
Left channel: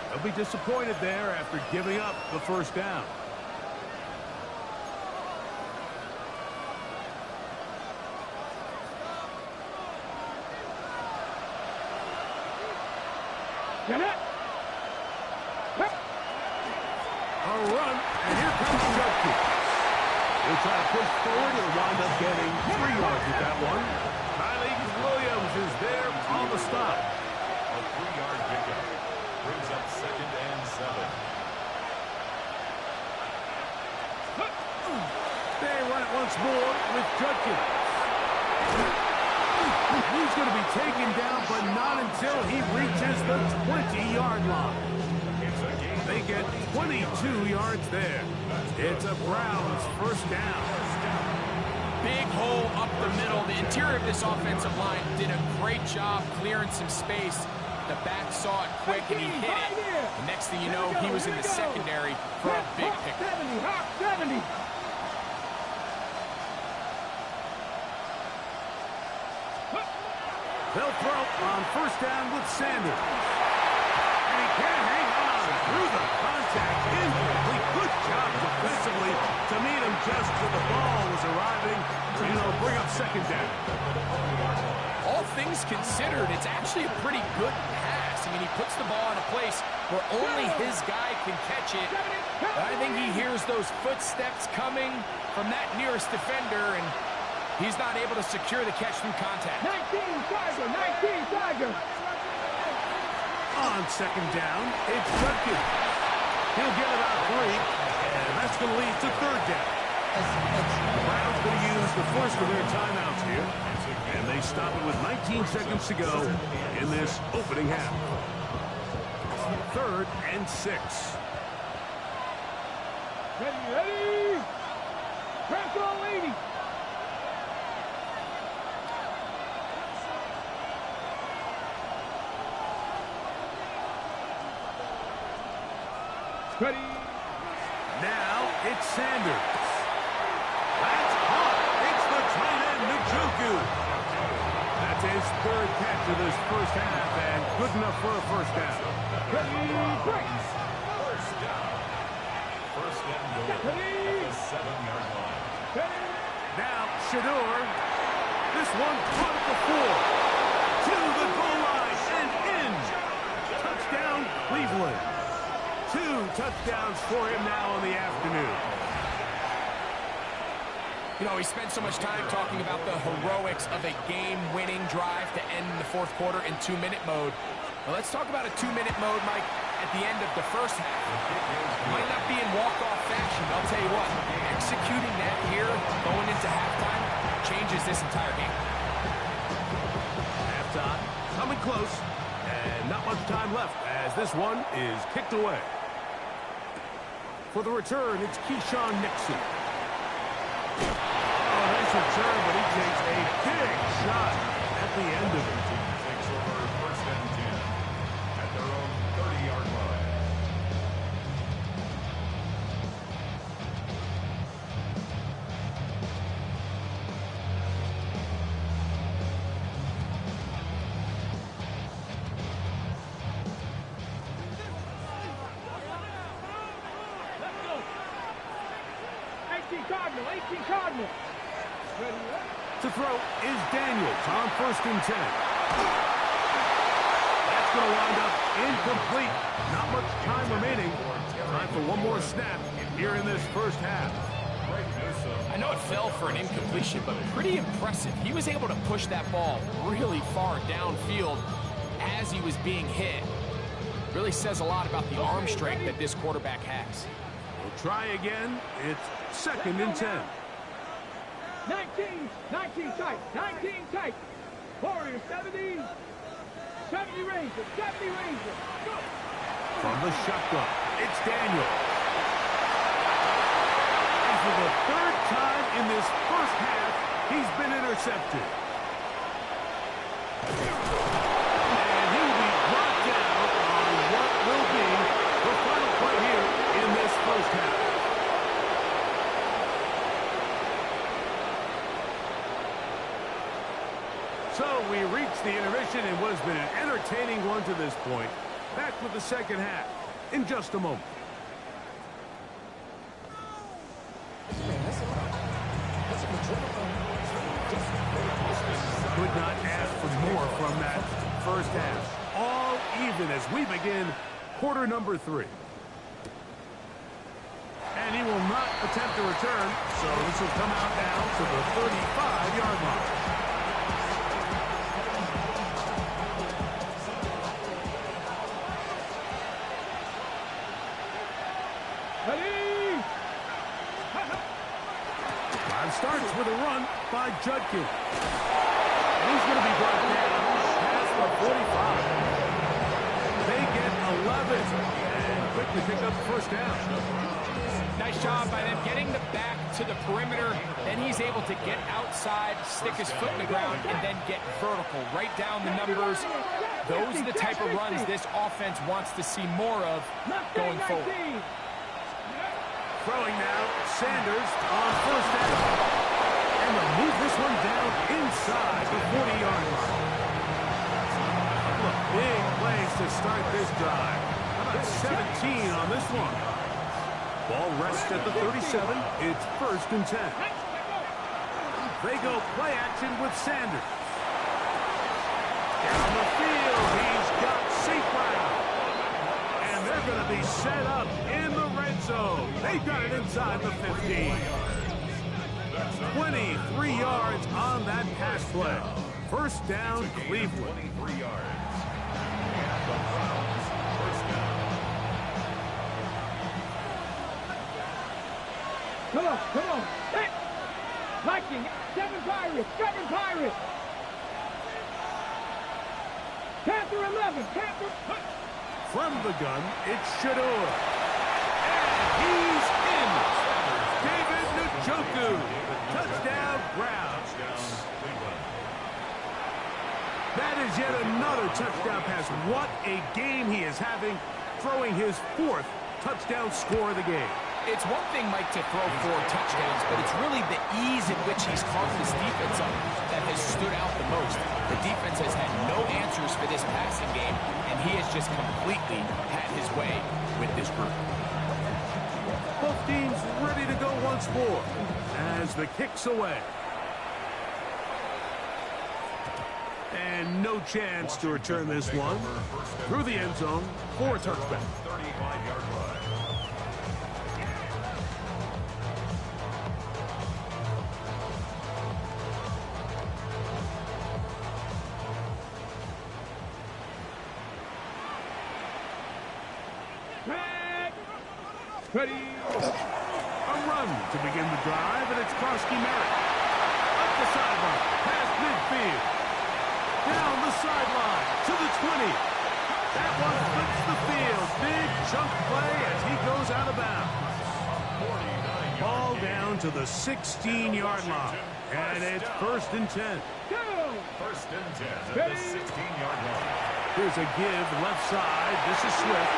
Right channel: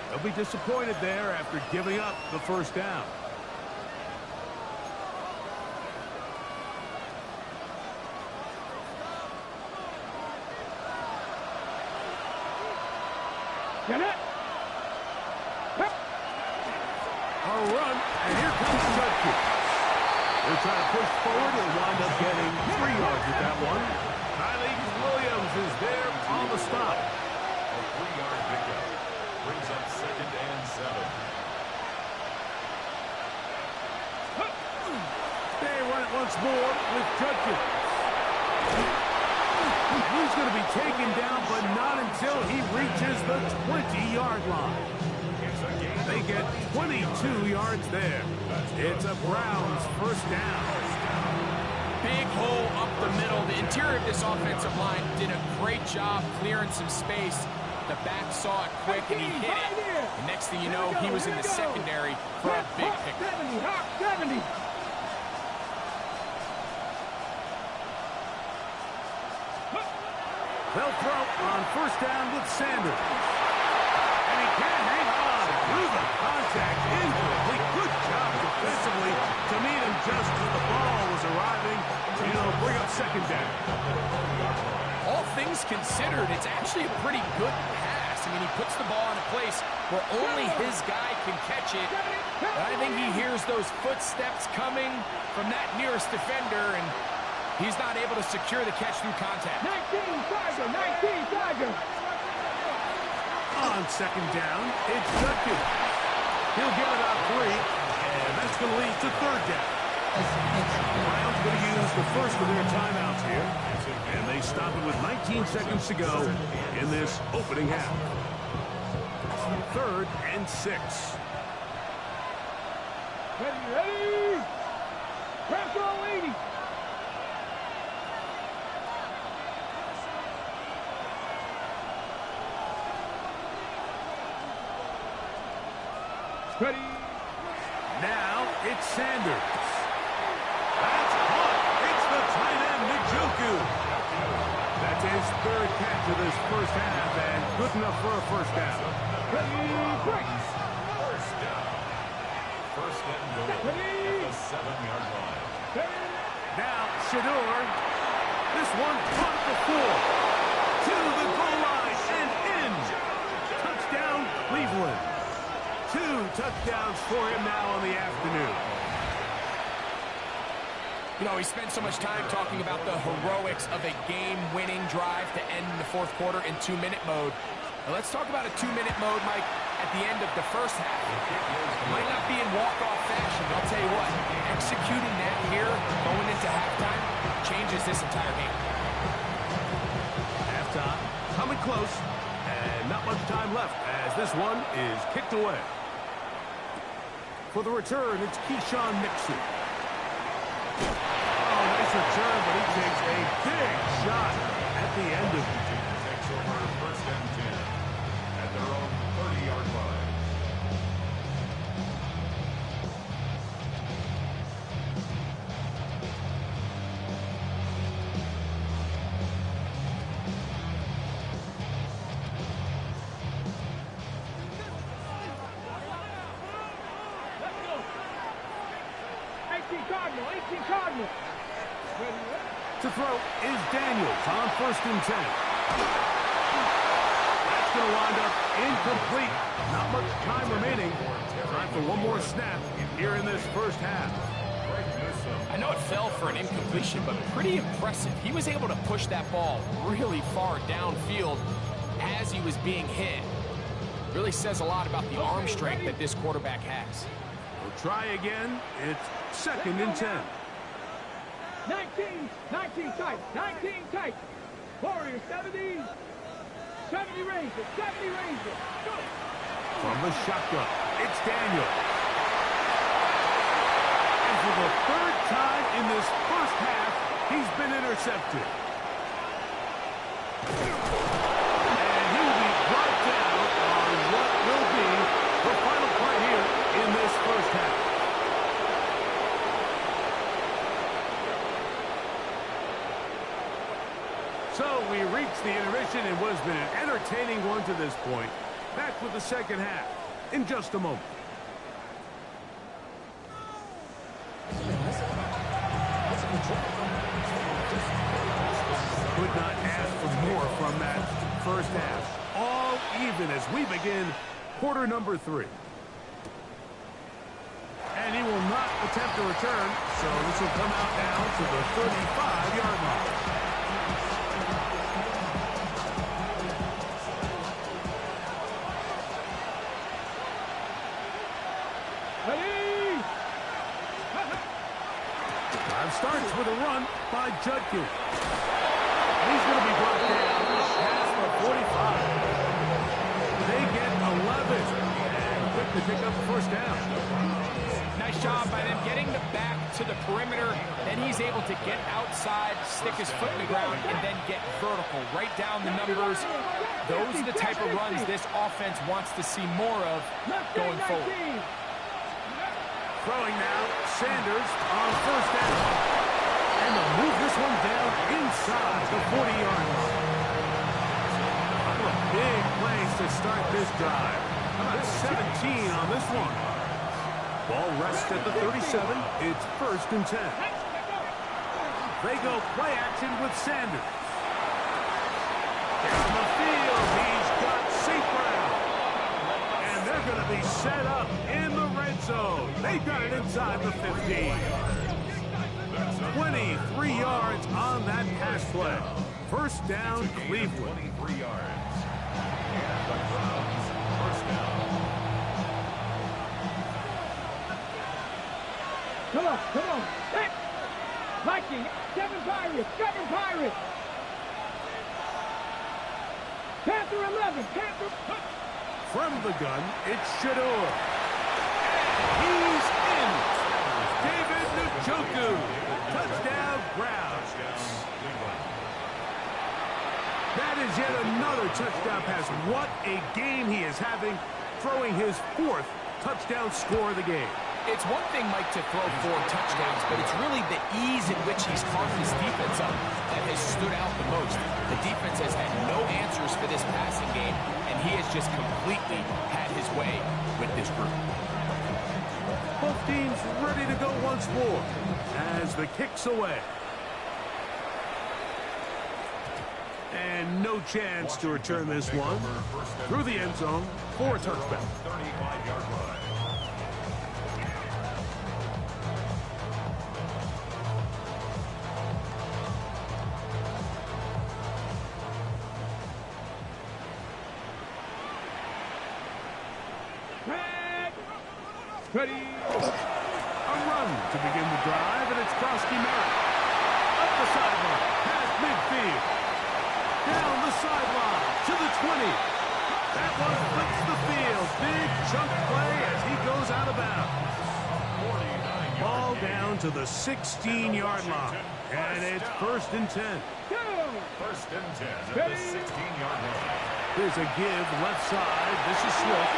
They'll be disappointed there after giving up the first down. Get it. Pep. A run, and here comes Judkins. He'll try to push forward. He'll wind up getting 3 yards with that one. Kylie Williams is there on the stop. A 3-yard pickup brings up 2nd and 7. They run it once more with Judkins. And he's going to be taken down, but not until he reaches the 20-yard line. They get 22 yards there. It's a Browns first down. Big hole up the middle. The interior of this offensive line did a great job clearing some space. The back saw it quick, and he hit it. The next thing you know, he was in the secondary for a big pickup. 70, Hawk 70. They'll throw on first down with Sanders. And he can't hang on through the contact. Incomplete. Good job defensively to meet him just as the ball was arriving to, bring up second down. All things considered, it's actually a pretty good pass. I mean, he puts the ball in a place where only his guy can catch it. But I think he hears those footsteps coming from that nearest defender, and he's not able to secure the catch through contact. 19 Tiger. 19 Tiger. On second down, it's Judkins. He'll get about 3, and that's going to lead to third down. The Browns going to use the first of their timeouts here, and they stop it with 19 seconds to go in this opening half. 3rd and 6. Ready. Press on 80. Ready. Now it's Sanders. That's caught. It's the tight end, Njoku. That's his 3rd catch of this first half, and good enough for a first down. Ready. Break. First down. First and goal at the 7-yard line. Ready. Now Shador. This one caught at the 4. To the goal line and in. Touchdown, Cleveland. 2 touchdowns for him now on the afternoon. We spent so much time talking about the heroics of a game-winning drive to end the 4th quarter in 2-minute mode. Well, let's talk about a 2-minute mode, Mike, at the end of the first half. It might not be in walk-off fashion, but I'll tell you what, executing that here, going into halftime, changes this entire game. Halftime, coming close, and not much time left as this one is kicked away. For the return, it's Keyshawn Nixon. Oh, nice return, but he takes a big shot at the end of it. Takes over 1st and 10 at their own 30-yard line. Cardinal, 18 Cardinal. Ready, To throw is Daniels on 1st and 10. That's going to wind up incomplete. Not much time remaining. Time for one more snap here in this first half. I know it fell for an incompletion, but pretty impressive. He was able to push that ball really far downfield as he was being hit. Really says a lot about the arm strength that this quarterback has. We'll try again. It's 2nd and 10. 19 tight, 19 tight. Warriors, 70 Rangers, 70 Rangers. Go. From the shotgun, it's Daniel. And for the 3rd time in this first half, he's been intercepted. And he will be brought down on what will be the final play here in this first half. So we reached the intermission in what has been an entertaining one to this point. Back with the second half in just a moment. Could not ask for more from that first half. All even as we begin quarter number 3. And he will not attempt to return, so this will come out now to the 35-yard line. Ready? Drive starts with a run by Judkins. And he's going to be brought down up past the 45. They get 11 and quick to pick up the first down. Nice job by them getting the back to the perimeter. Then he's able to get outside, stick his foot in the ground, and then get vertical. Right down the numbers. Those are the type of runs this offense wants to see more of going forward. Throwing now, Sanders on 1st down. And they'll move this one down inside the 40-yard line. A couple of big plays to start this drive. How about 17 on this one? Ball rests at the 37. It's 1st and 10. They go play action with Sanders. Down the field, he's got St. Brown. And they're going to be set up in the red zone. They've got it inside the 15. 23 yards on that pass play. First down, Cleveland. 23 yards. And the Browns, first down. Come on. Back. Viking, 7 Pirates. Panther 11, Panther. From the gun, it's Shador. And he's in. David Njoku. Touchdown, Browns. That is yet another touchdown pass. What a game he is having, throwing his 4th touchdown score of the game. It's one thing, Mike, to throw 4 touchdowns, but it's really the ease in which he's carved this defense up that has stood out the most. The defense has had no answers for this passing game, and he has just completely had his way with this group. Both teams ready to go once more as the kick's away. And no chance to return this one through the end zone for a touchback. 35-yard line. Ready? A run to begin the drive, and it's Krosky Merritt. Up the sideline, past midfield. Down the sideline to the 20. That one flips the field. Big chunk play as he goes out of bounds. Ball down to the 16-yard line. And it's 1st and 10. Go! 1st and 10 at the 16-yard line. Here's a give left side. This is Swift.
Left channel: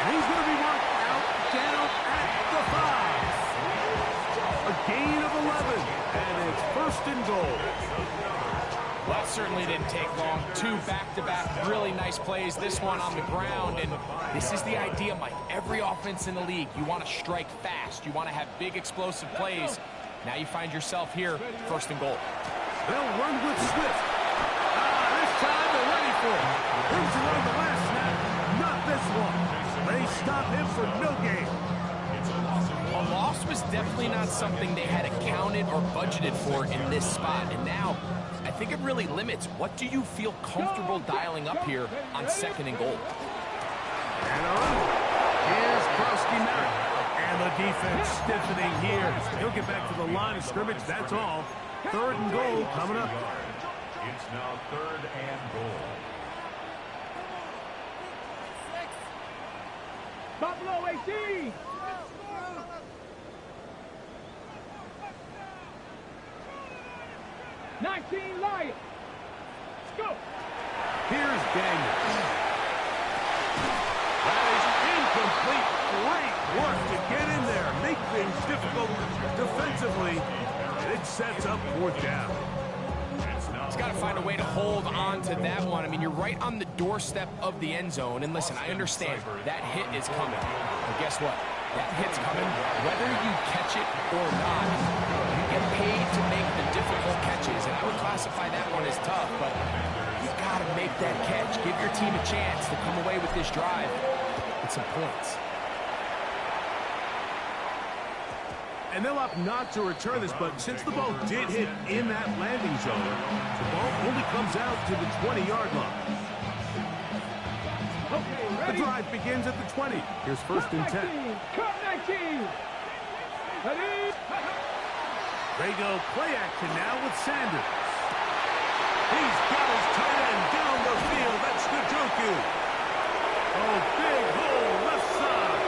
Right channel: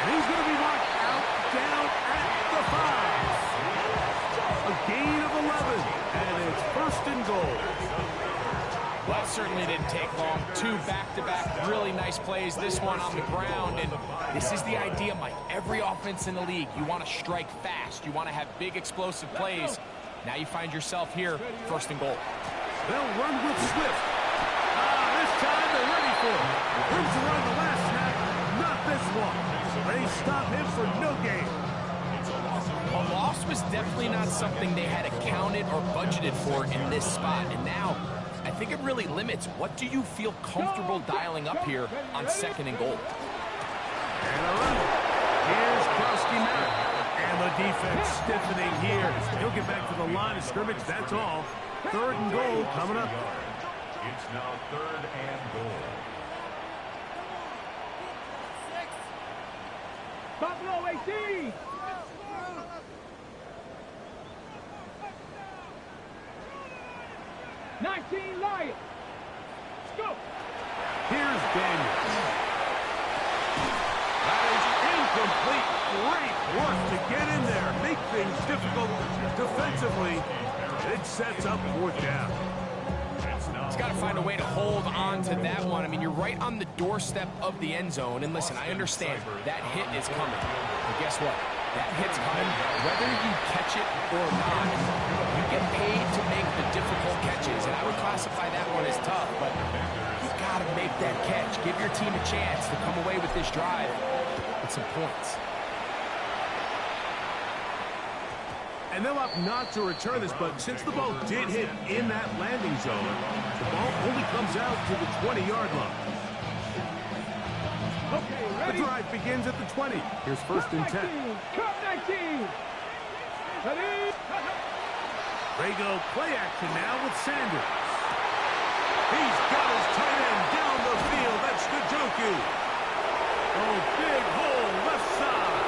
And he's going to be marked out down at the 5. A gain of 11. And it's 1st and goal. Well, that certainly didn't take long. Two back-to-back really nice plays, this one on the ground, and this is the idea, Mike. Every offense in the league, you want to strike fast. You want to have big explosive plays. Now you find yourself here, 1st and goal. They'll run with Swift. This time they're ready for it. Room to run the last snap, not this one. They stop him for no gain. A loss was definitely not something they had accounted or budgeted for in this spot. And now, I think it really limits what do you feel comfortable dialing up here on 2nd and goal. And a run. Here's Krosky-Merritt. And the defense stiffening here. He'll get back to the line of scrimmage, that's all. 3rd and goal coming up. It's now 3rd and goal. Buffalo 18. '19 Lions. Let's go. Here's Daniels. That is incomplete. Great work to get in there. Make things difficult defensively. It sets up 4th down. He's got to find a way to hold on to that one. I mean, you're right on the doorstep of the end zone. And listen, I understand that hit is coming. But guess what? That hit's coming. Whether you catch it or not, you get paid to make the difficult catches. And I would classify that one as tough, but you've got to make that catch. Give your team a chance to come away with this drive with some points. And they'll opt not to return this, but since the ball did hit in that landing zone, the ball only comes out to the 20-yard line. Okay, The drive begins at the 20. Here's 1st and 10. Cut 19. Ready? They go play action now with Sanders. He's got his tight end down the field. That's Njoku. Oh, big hole left side.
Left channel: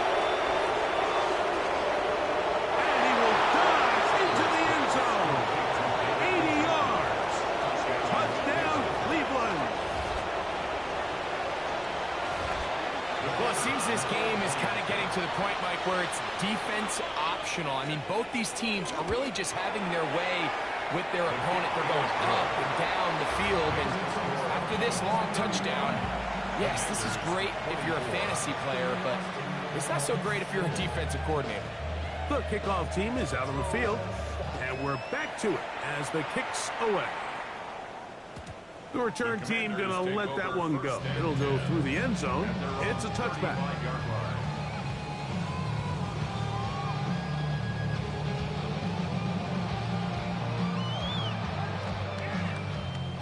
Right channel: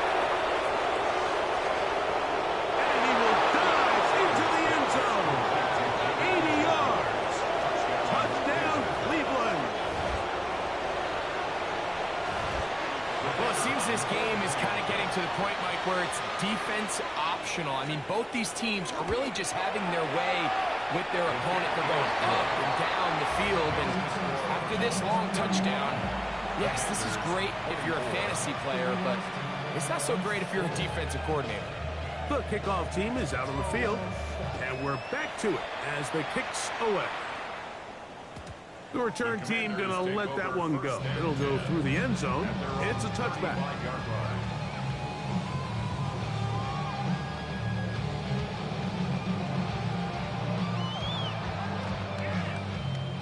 And he will dive into the end zone. 80 yards. Touchdown, Cleveland. Well, it seems this game is kind of getting to the point, Mike, where it's defense optional. I mean, both these teams are really just having their way with their opponent. They're going up and down the field, and after this long touchdown, yes, this is great if you're a fantasy player, but it's not so great if you're a defensive coordinator. The kickoff team is out on the field, and we're back to it as the kick's away. The return team gonna let that one go. It'll go through the end zone. It's a touchback.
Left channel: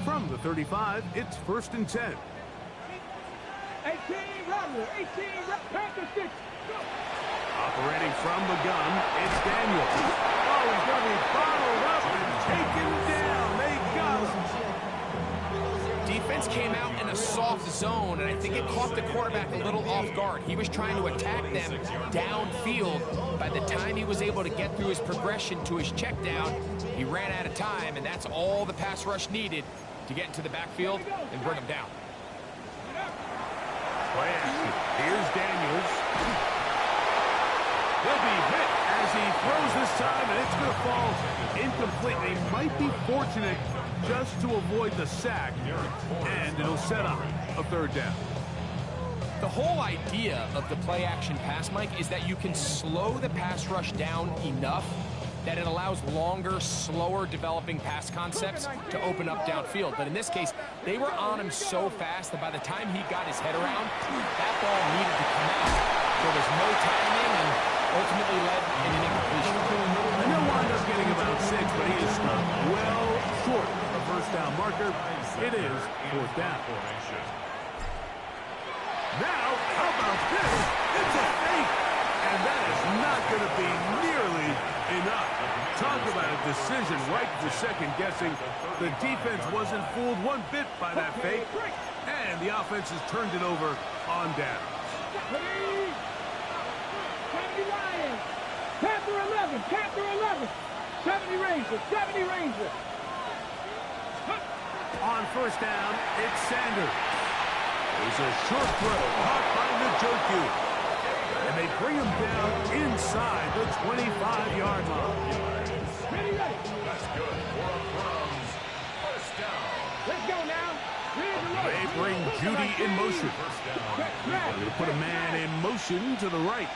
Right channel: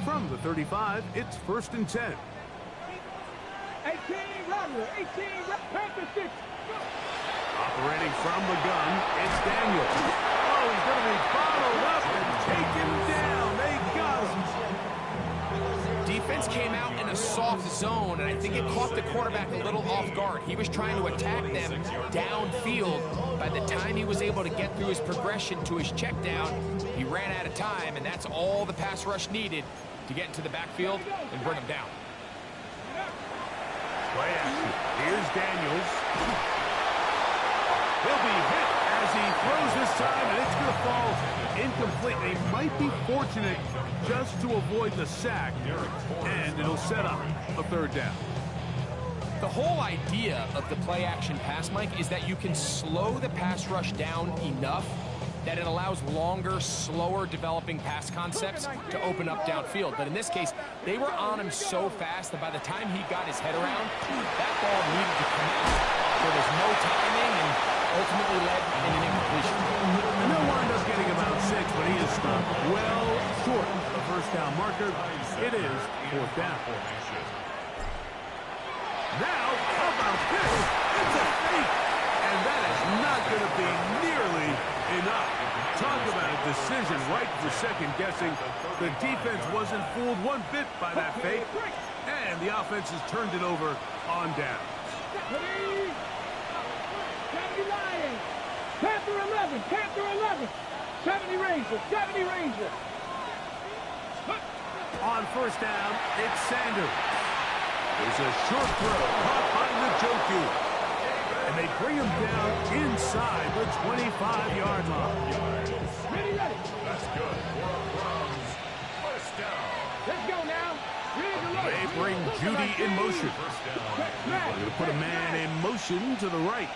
From the 35, it's 1st and 10. 18 Rattler. 18 Panther 6. Go. Operating from the gun, it's Daniels. Oh, he's going to be bottled up and taken down. They got him. Defense came out in a soft zone, and I think it caught the quarterback a little off guard. He was trying to attack them downfield. By the time he was able to get through his progression to his check down, he ran out of time, and that's all the pass rush needed to get into the backfield and bring him down. Play action. Here's Daniels. He'll be hit as he throws this time, and it's going to fall incomplete. They might be fortunate just to avoid the sack, and it'll set up a 3rd down. The whole idea of the play-action pass, Mike, is that you can slow the pass rush down enough that it allows longer, slower developing pass concepts to open up downfield. But in this case, they were on him so fast that by the time he got his head around, that ball needed to come out. There was no timing and ultimately led in an incompletion. And they'll wind up getting about 6, but he is stopped well short of the 1st down marker. It is 4th down. Now, how about this? It's a fake. And that is not going to be nearly enough. Talk about a decision right for second guessing. The defense wasn't fooled one bit by that fake. And the offense has turned it over on down. 70 Lions. Panther 11. Panther 11. 70 Rangers. 70 Rangers. On 1st down, it's Sanders. There's a short throw caught by Njoku. And they bring him down inside the 25-yard line. Ready. That's good for a Browns 1st down. Let's go now. They bring Judy in motion. They're going to put a man in motion to the right.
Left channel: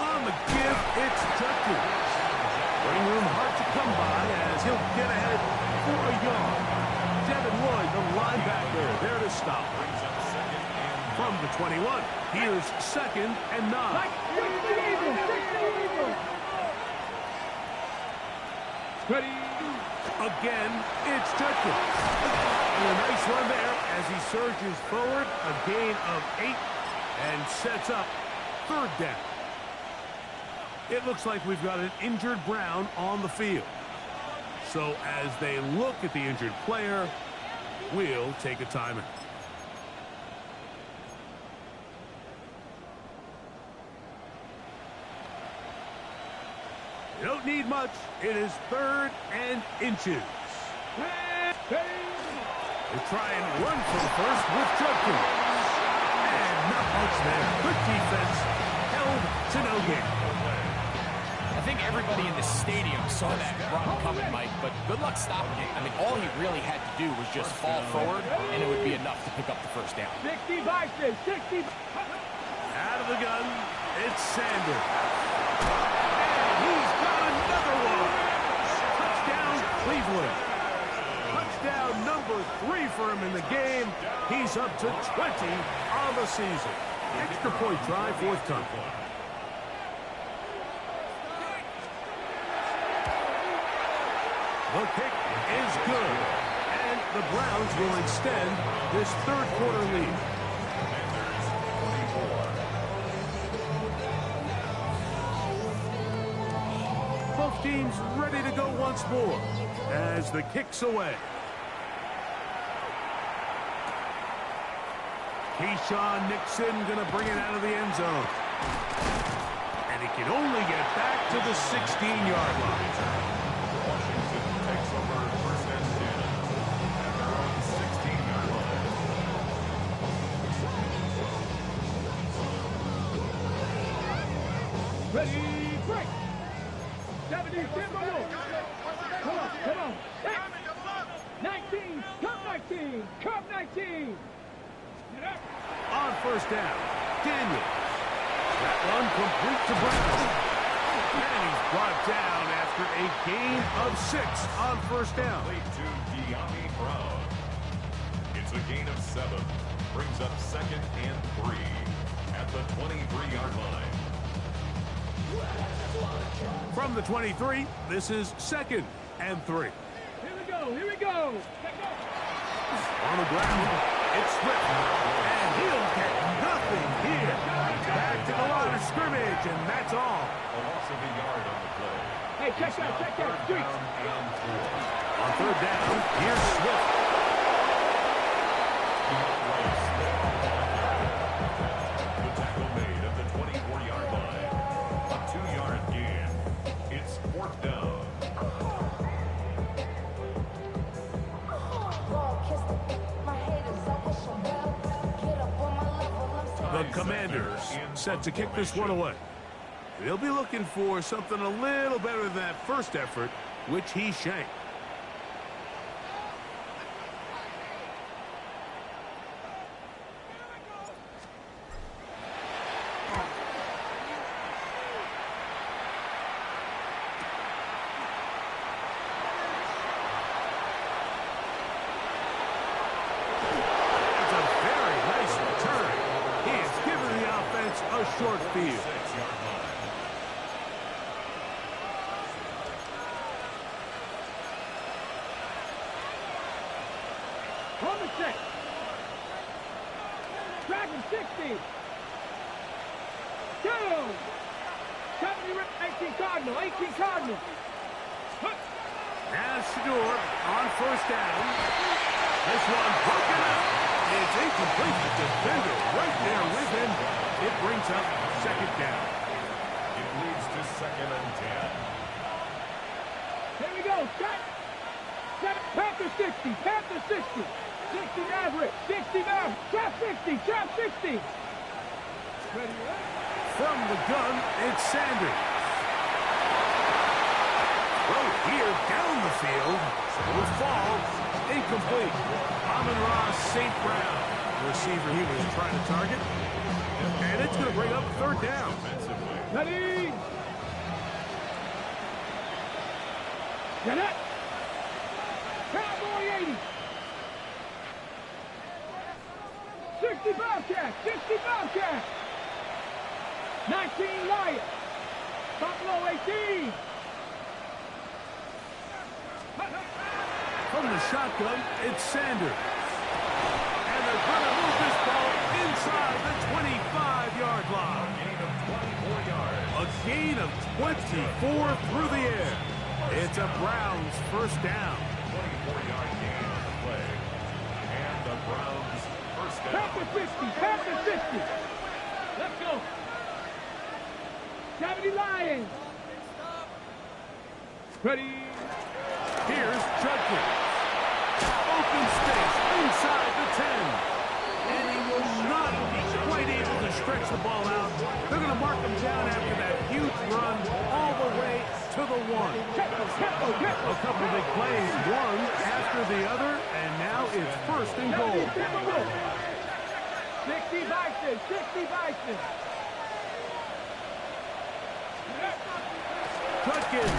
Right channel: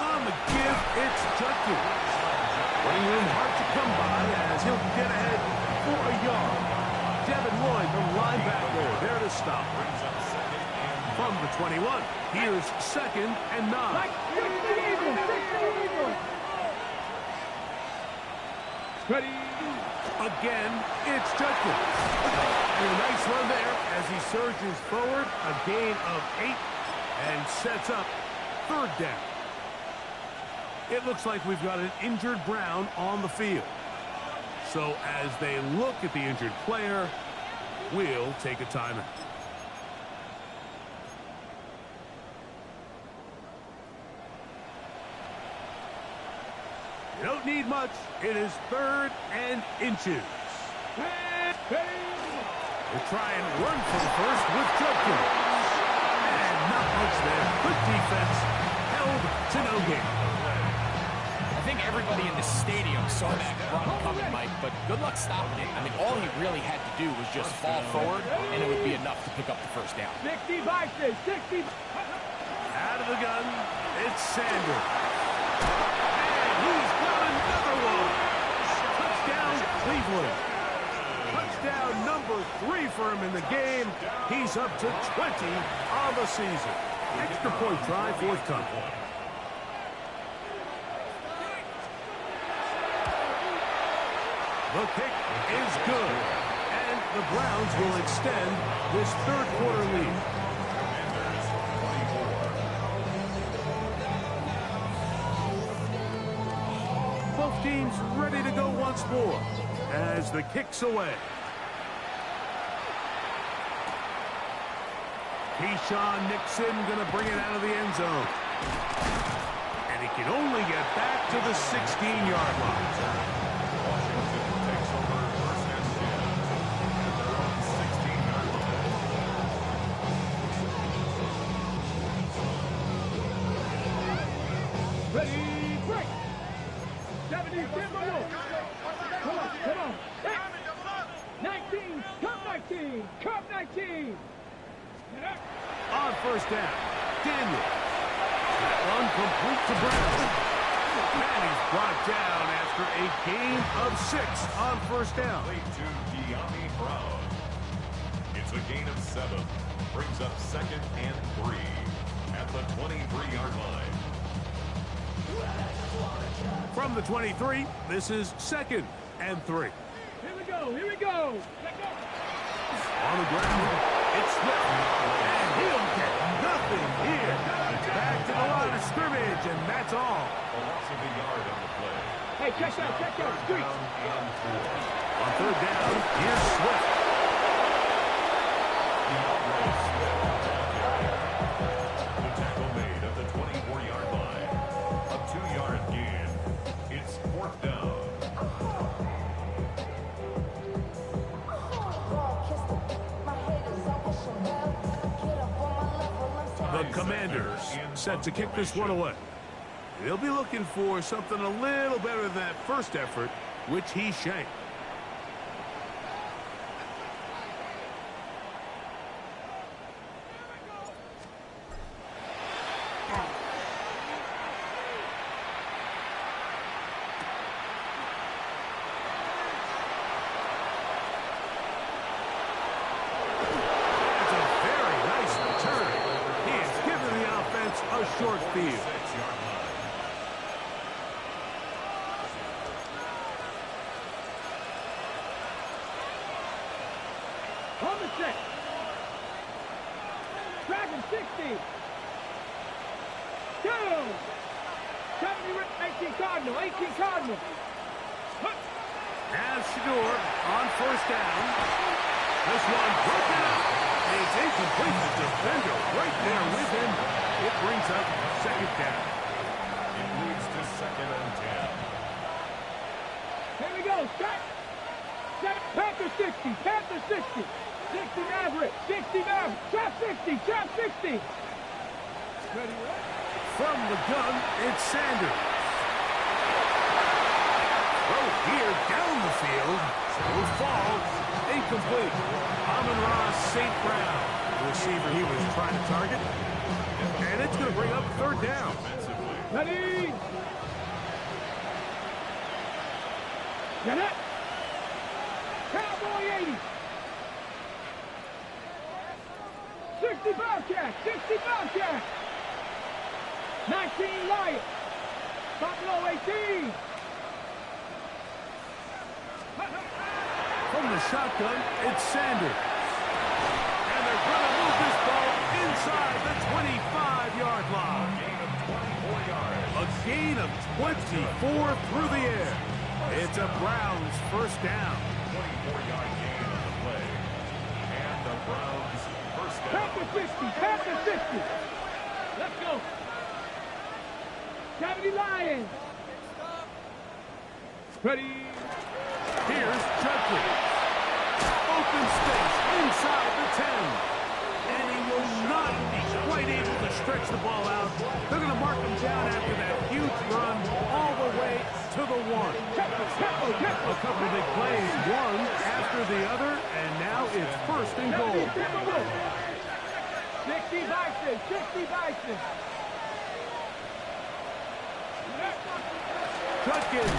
On the give, it's Judkins. Running room hard to come by as he'll get ahead for a yard. Devin Lloyd, the linebacker, there to stop. From the 21, here's 2nd and 9. Ready. Again, it's Judkins. And a nice run there as he surges forward, a gain of 8, and sets up 3rd down. It looks like we've got an injured Brown on the field. So as they look at the injured player, we'll take a timeout. You don't need much. It is 3rd and inches. They try and run from first with Judkins. And not much there. Good defense. Held to no gain. I think everybody in the stadium saw that run coming, Mike, but good luck stopping it. I mean, all he really had to do was just fall forward, and it would be enough to pick up the 1st down. 60 Bison, 60. Out of the gun, it's Sanders. And he's got another one. Touchdown, Cleveland. Touchdown number 3 for him in the game. He's up to 20 on the season. Extra point try, forthcoming. The kick is good. And the Browns will extend this 3rd quarter lead. Commanders 24. Both teams ready to go once more as the kick's away. Keyshawn Nixon going to bring it out of the end zone. And he can only get back to the 16-yard line. Washington takes over 1st and 10 at their own 16-yard line. Ready, break. 70, come on. 19, come 19, come 19. On 1st down, Daniels. That one complete to Brown. And he's brought down after a gain of 6 on 1st down. Play to De'Ami Brown. It's a gain of 7. Brings up 2nd and 3 at the 23-yard line. From the 23, this is 2nd and 3. Here we go. Let go. On the ground, it's Swift. And he'll get nothing here. Back to the line of scrimmage, and that's all. A loss of a yard on the play. Hey, check that. Street. Down and 4. On 3rd down, here's Swift. DeAndre Swift on carry. The tackle made at the 24-yard line. A 2-yard gain. It's 4th down. The Commanders set to kick this one away. They'll be looking for something a little better than that first effort, which he shanked. A short field. 6-yard line. On the check. Dragon 60. Down. 18 Cardinal. Now Shador on 1st down. This one broken up. It's incomplete. The defender right there with him. It brings up 2nd down. It leads to 2nd and 10. Here we go. Panther 60. 60 Maverick. Trap 60. Ready? From the gun, it's Sanders. Throw here down the field. Will fall. Incomplete. Amon-Ra St. Brown, the receiver he was trying to target. And it's going to bring up third down. Ready. Get it. Cowboy 80. 65 cat. 65 cat. 19 Lions. Buffalo 18. From the shotgun, it's Sanders. And they're going to move this ball inside the 25-yard line. Gain of 24 yards. A gain of 24 through the air. It's a Browns first down. 24-yard gain on the play. And the Browns first down. Pack the 50. Pack the 50. Let's go. 70 Lions. Ready. Here's Judkins. Open space inside the 10. And he will not be quite able to stretch the ball out. They're going to mark him down after that huge run all the way to the 1. A couple of big plays, one after the other, and now it's first and goal. 60 Bison. 60 Bison. Judkins.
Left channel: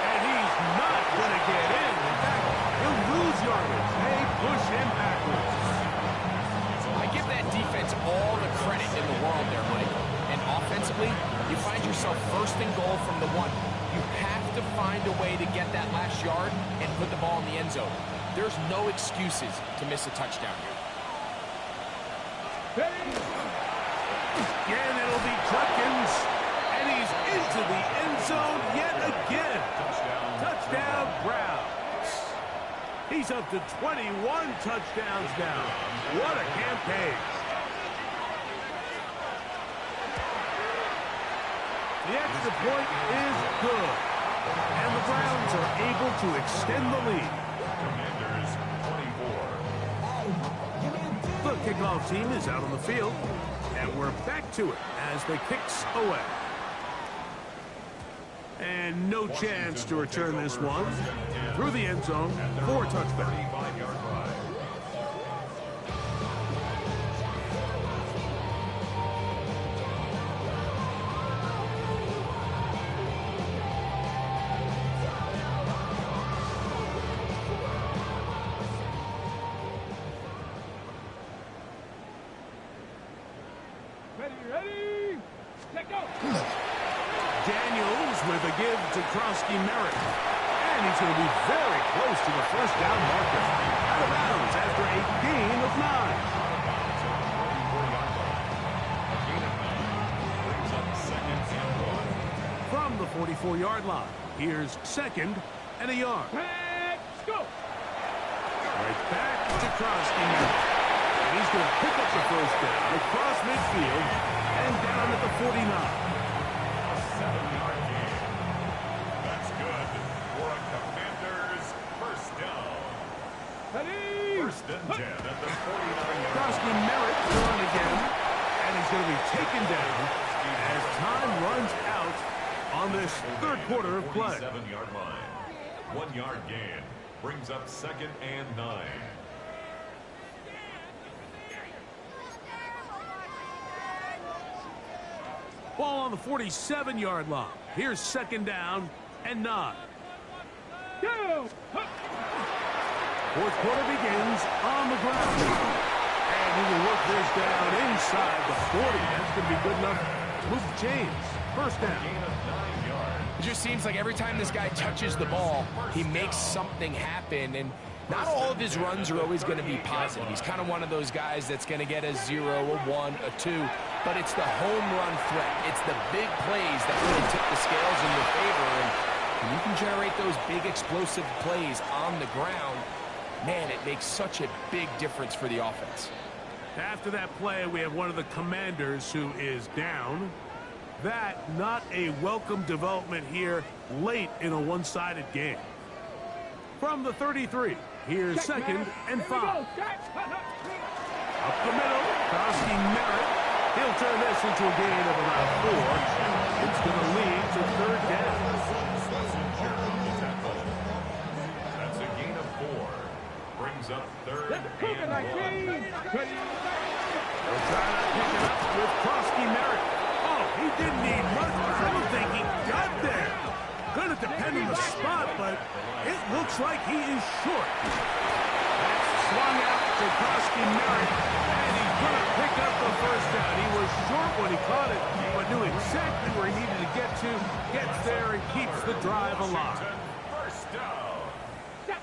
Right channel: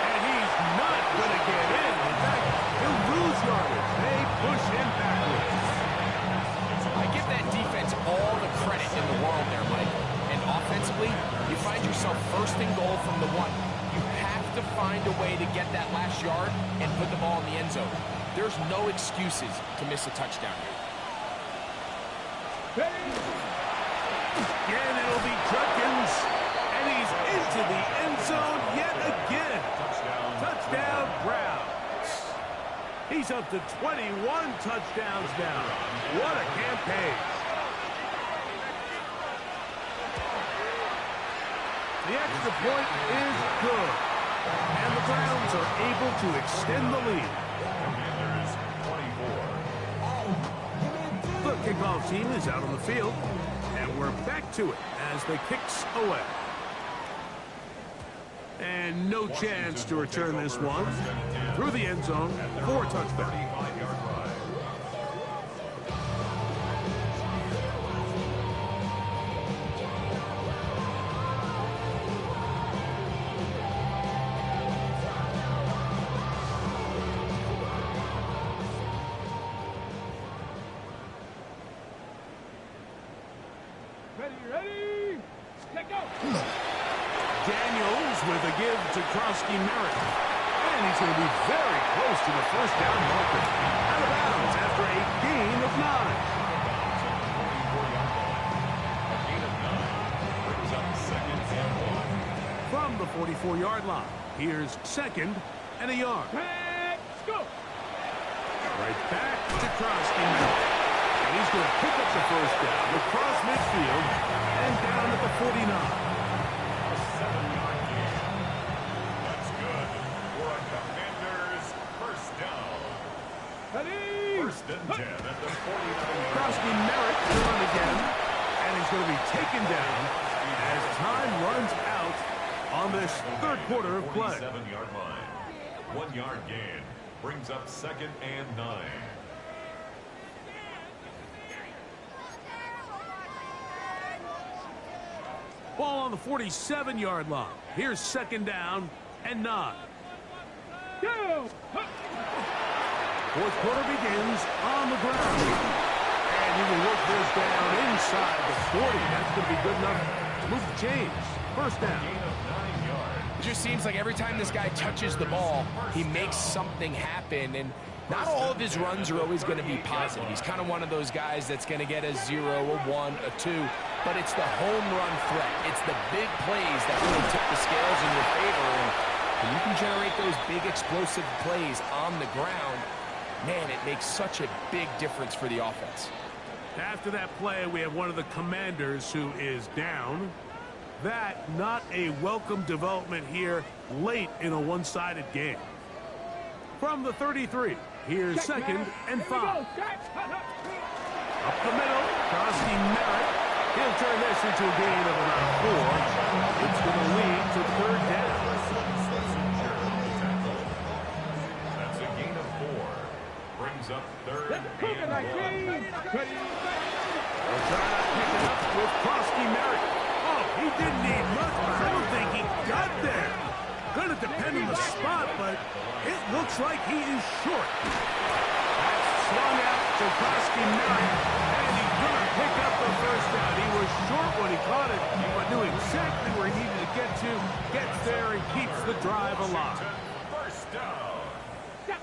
And he's not going to get in. In fact, he'll lose yardage. They push him backwards. I give that defense all the credit in the world there, Mike. And offensively, you find yourself first and goal from the 1. You have to find a way to get that last yard and put the ball in the end zone. There's no excuses to miss a touchdown here. Again, it'll be Judkins. And he's into the end zone yet again. Touchdown, Browns. He's up to 21 touchdowns now. What a campaign. The extra point is good. And the Browns are able to extend the lead. Commanders 24. The kickoff team is out on the field. And we're back to it as the kicks away. And no chance to return this one. Through the end zone for a touchdown. 35-yard line. Ready. Let go. Daniels with a give to Krosky Merritt. And he's going to be very close to the first down marker. Out of bounds after a gain of 9. Out of bounds at the 44-yard line. A gain of 9 brings up second and 1. From the 44-yard line, here's second and a yard. Let's go. Right back to Krosky Merritt. And he's going to pick up the first down across midfield and down at the 49. A 7-yard gain. That's good for a Commanders first down. Ready. First and 10 at the 49-yard Krosky line. Merritt to run again. And he's going to be taken down as time runs out on this third quarter of play. 47-yard line. 1-yard gain brings up second and 9. Ball on the 47-yard line. Here's second down and 9. Go. Fourth quarter begins on the ground. And he will work this down inside the 40. That's going to be good enough to move the chains. First down. Gain of 9 yards. It just seems like every time this guy touches the ball, he makes something happen. And not all of his runs are always going to be positive. He's kind of one of those guys that's going to get a 0, a 1, a 2. But it's the home run threat. It's the big plays that really tip the scales in your favor. And when you can generate those big explosive plays on the ground, man, it makes such a big difference for the offense. After that play, we have one of the Commanders who is down. That not a welcome development here late in a one-sided game. From the 33, here's second and 5. Up the middle, Krosky Merritt. He'll turn this into a gain of about 4. It's going to lead to third down. brings up third Let's cook it, and 19. one. Ready. They'll try to pick it up with Krosky Merritt. Oh, he didn't need much, but I don't think he got there. Gonna depend on the spot, but it looks like he is short. That's swung out to Krosky Merritt, and he's gonna pick up the first down. He was short when he caught it, but knew exactly where he needed to get to, gets there, and keeps the drive alive. First down.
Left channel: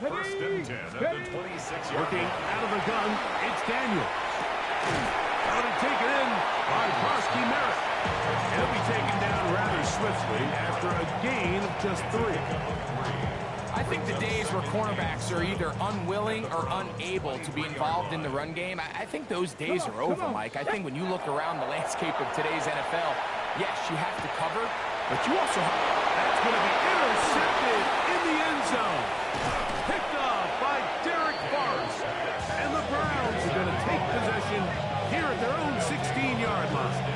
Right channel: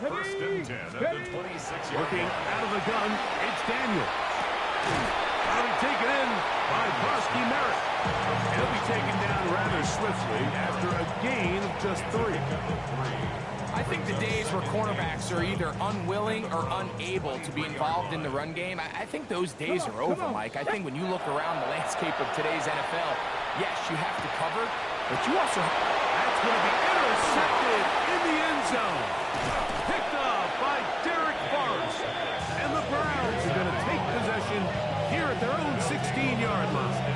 First and 10 at the 26-yard Working line. out of the gun, it's Daniels. About to take it in by Krosky Merritt. He'll be taken down rather swiftly after a gain of just 3. I think the days where cornerbacks are either unwilling or unable to be involved in the run game, I think those days are over, Mike. I think when you look around the landscape of today's NFL, yes, you have to cover, but you also have... That's going to be intercepted in the end zone. Picked up by Derek Forrest. And the Browns are going to take possession here at their own 16-yard line.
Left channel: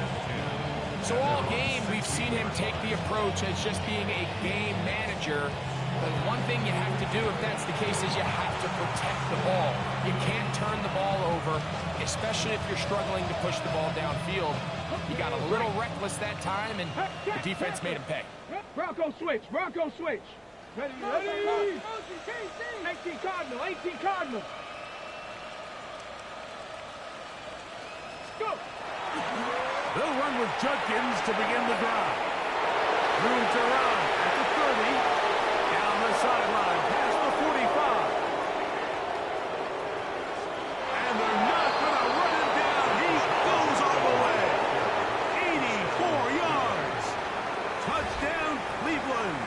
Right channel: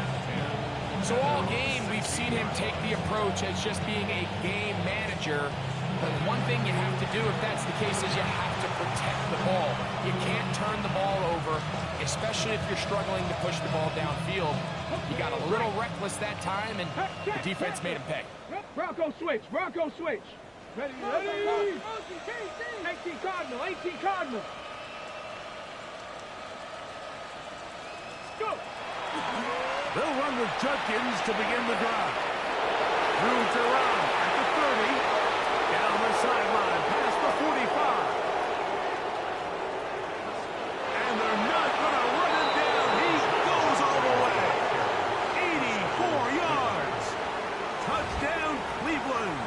So all game, we've seen him take the approach as just being a game manager. But one thing you have to do, if that's the case, is you have to protect the ball. You can't turn the ball over, especially if you're struggling to push the ball downfield. He got a little reckless that time, and the defense made him pay. Bronco switch. Bronco switch. Ready, ready. 18 Cardinal. 18 Cardinal. Go. They'll run with Judkins to begin the drive. Room to run at the 30. Down the sideline, past the 45. And they're not going to run him down. He goes all the way. 84 yards. Touchdown, Cleveland.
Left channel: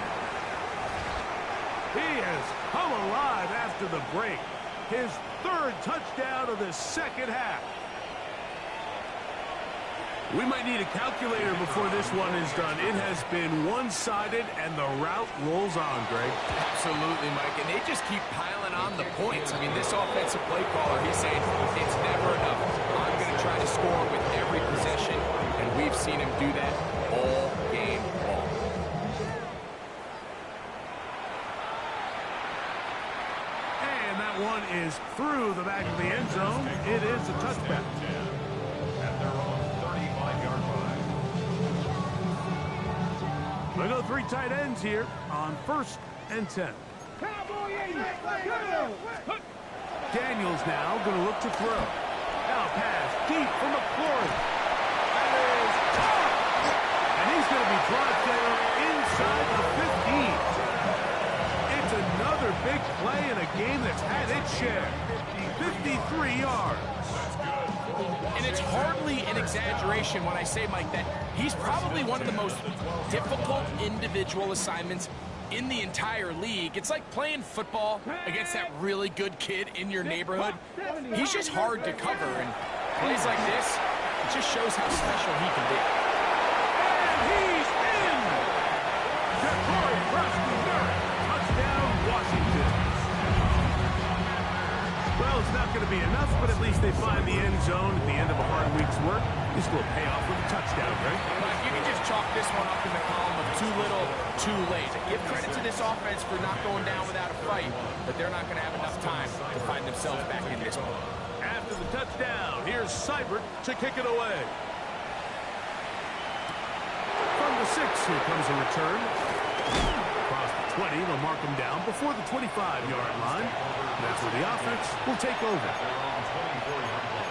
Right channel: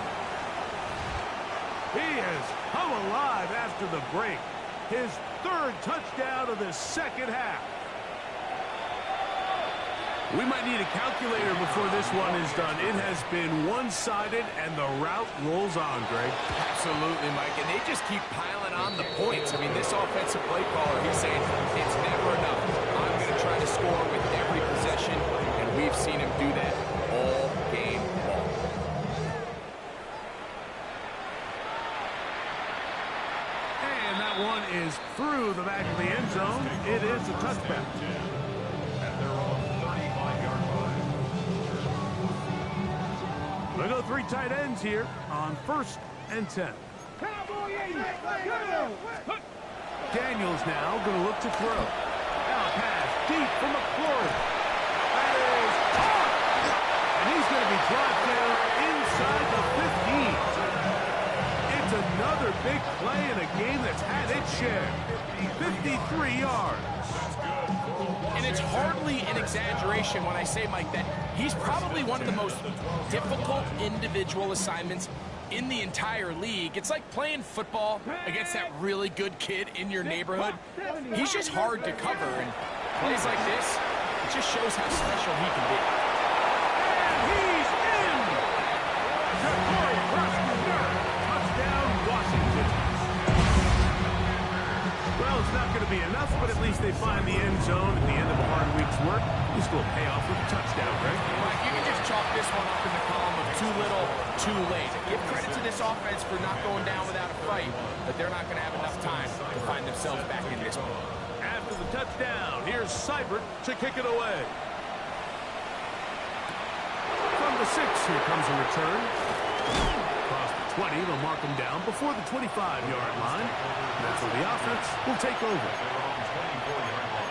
He has come alive after the break. His 3rd touchdown of the second half. We might need a calculator before this one is done. It has been one-sided, and the route rolls on, Greg. Absolutely, Mike, and they just keep piling on the points. I mean, this offensive play caller, he's saying it's never enough. I'm going to try to score with every possession, and we've seen him do that all game long. And that one is through the back of the end zone. It is a touchback. At their own 35-yard line. They go 3 tight ends here on 1st and 10. Cowboy 80. Daniels now going to look to throw. Now pass deep from McLaurin. That is caught. And he's going to be brought down inside the 15. It's another big play in a game that's had its share. 53 yards. And it's hardly an exaggeration when I say, Mike, that he's probably one of the most difficult individual assignments in the entire league. It's like playing football against that really good kid in your neighborhood. He's just hard to cover, and plays like this, it just shows how special he can be. And he's in! Ja'Cory Krosky-Merritt. Touchdown, Washington. Well, it's not going to be enough, but at least they find the end zone at the end of a hard week's work. This will pay off with a touchdown, Greg. Mike, you can just chalk this one up in the column of too little, too late. Give credit to this offense for not going down without a fight, but they're not going to have enough time to find themselves back in this one. After the touchdown, here's Seibert to kick it away. From the 6, here comes a return. Across the 20, they'll mark him down before the 25-yard line. That's where the offense will take over. Their own 24-yard line.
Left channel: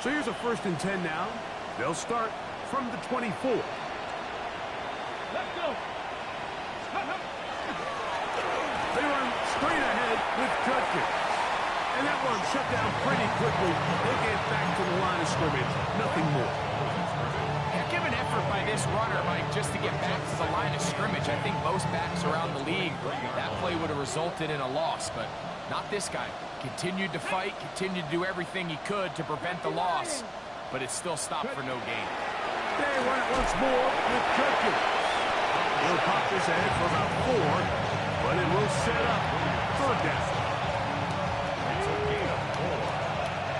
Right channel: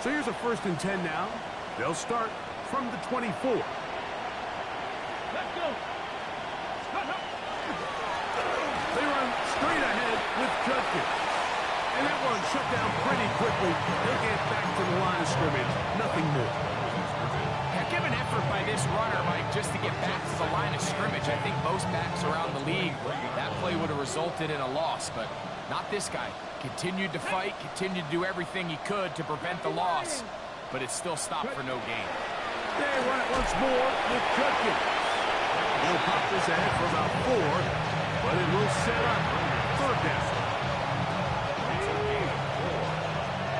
So here's a 1st and 10 now. They'll start from the 24. Let's go. They run straight ahead with Judkins. And that one shut down pretty quickly. They'll get back to the line of scrimmage. Nothing more. Heck of an effort by this runner, Mike, just to get back to the line of scrimmage. I think most backs around the league, that play would have resulted in a loss, but not this guy. Continued to fight, continued to do everything he could to prevent the loss, but it still stopped for no gain. They run it once more with Judkins. He'll pop this ahead for about 4, but it will set up 3rd down. It's a gain of 4,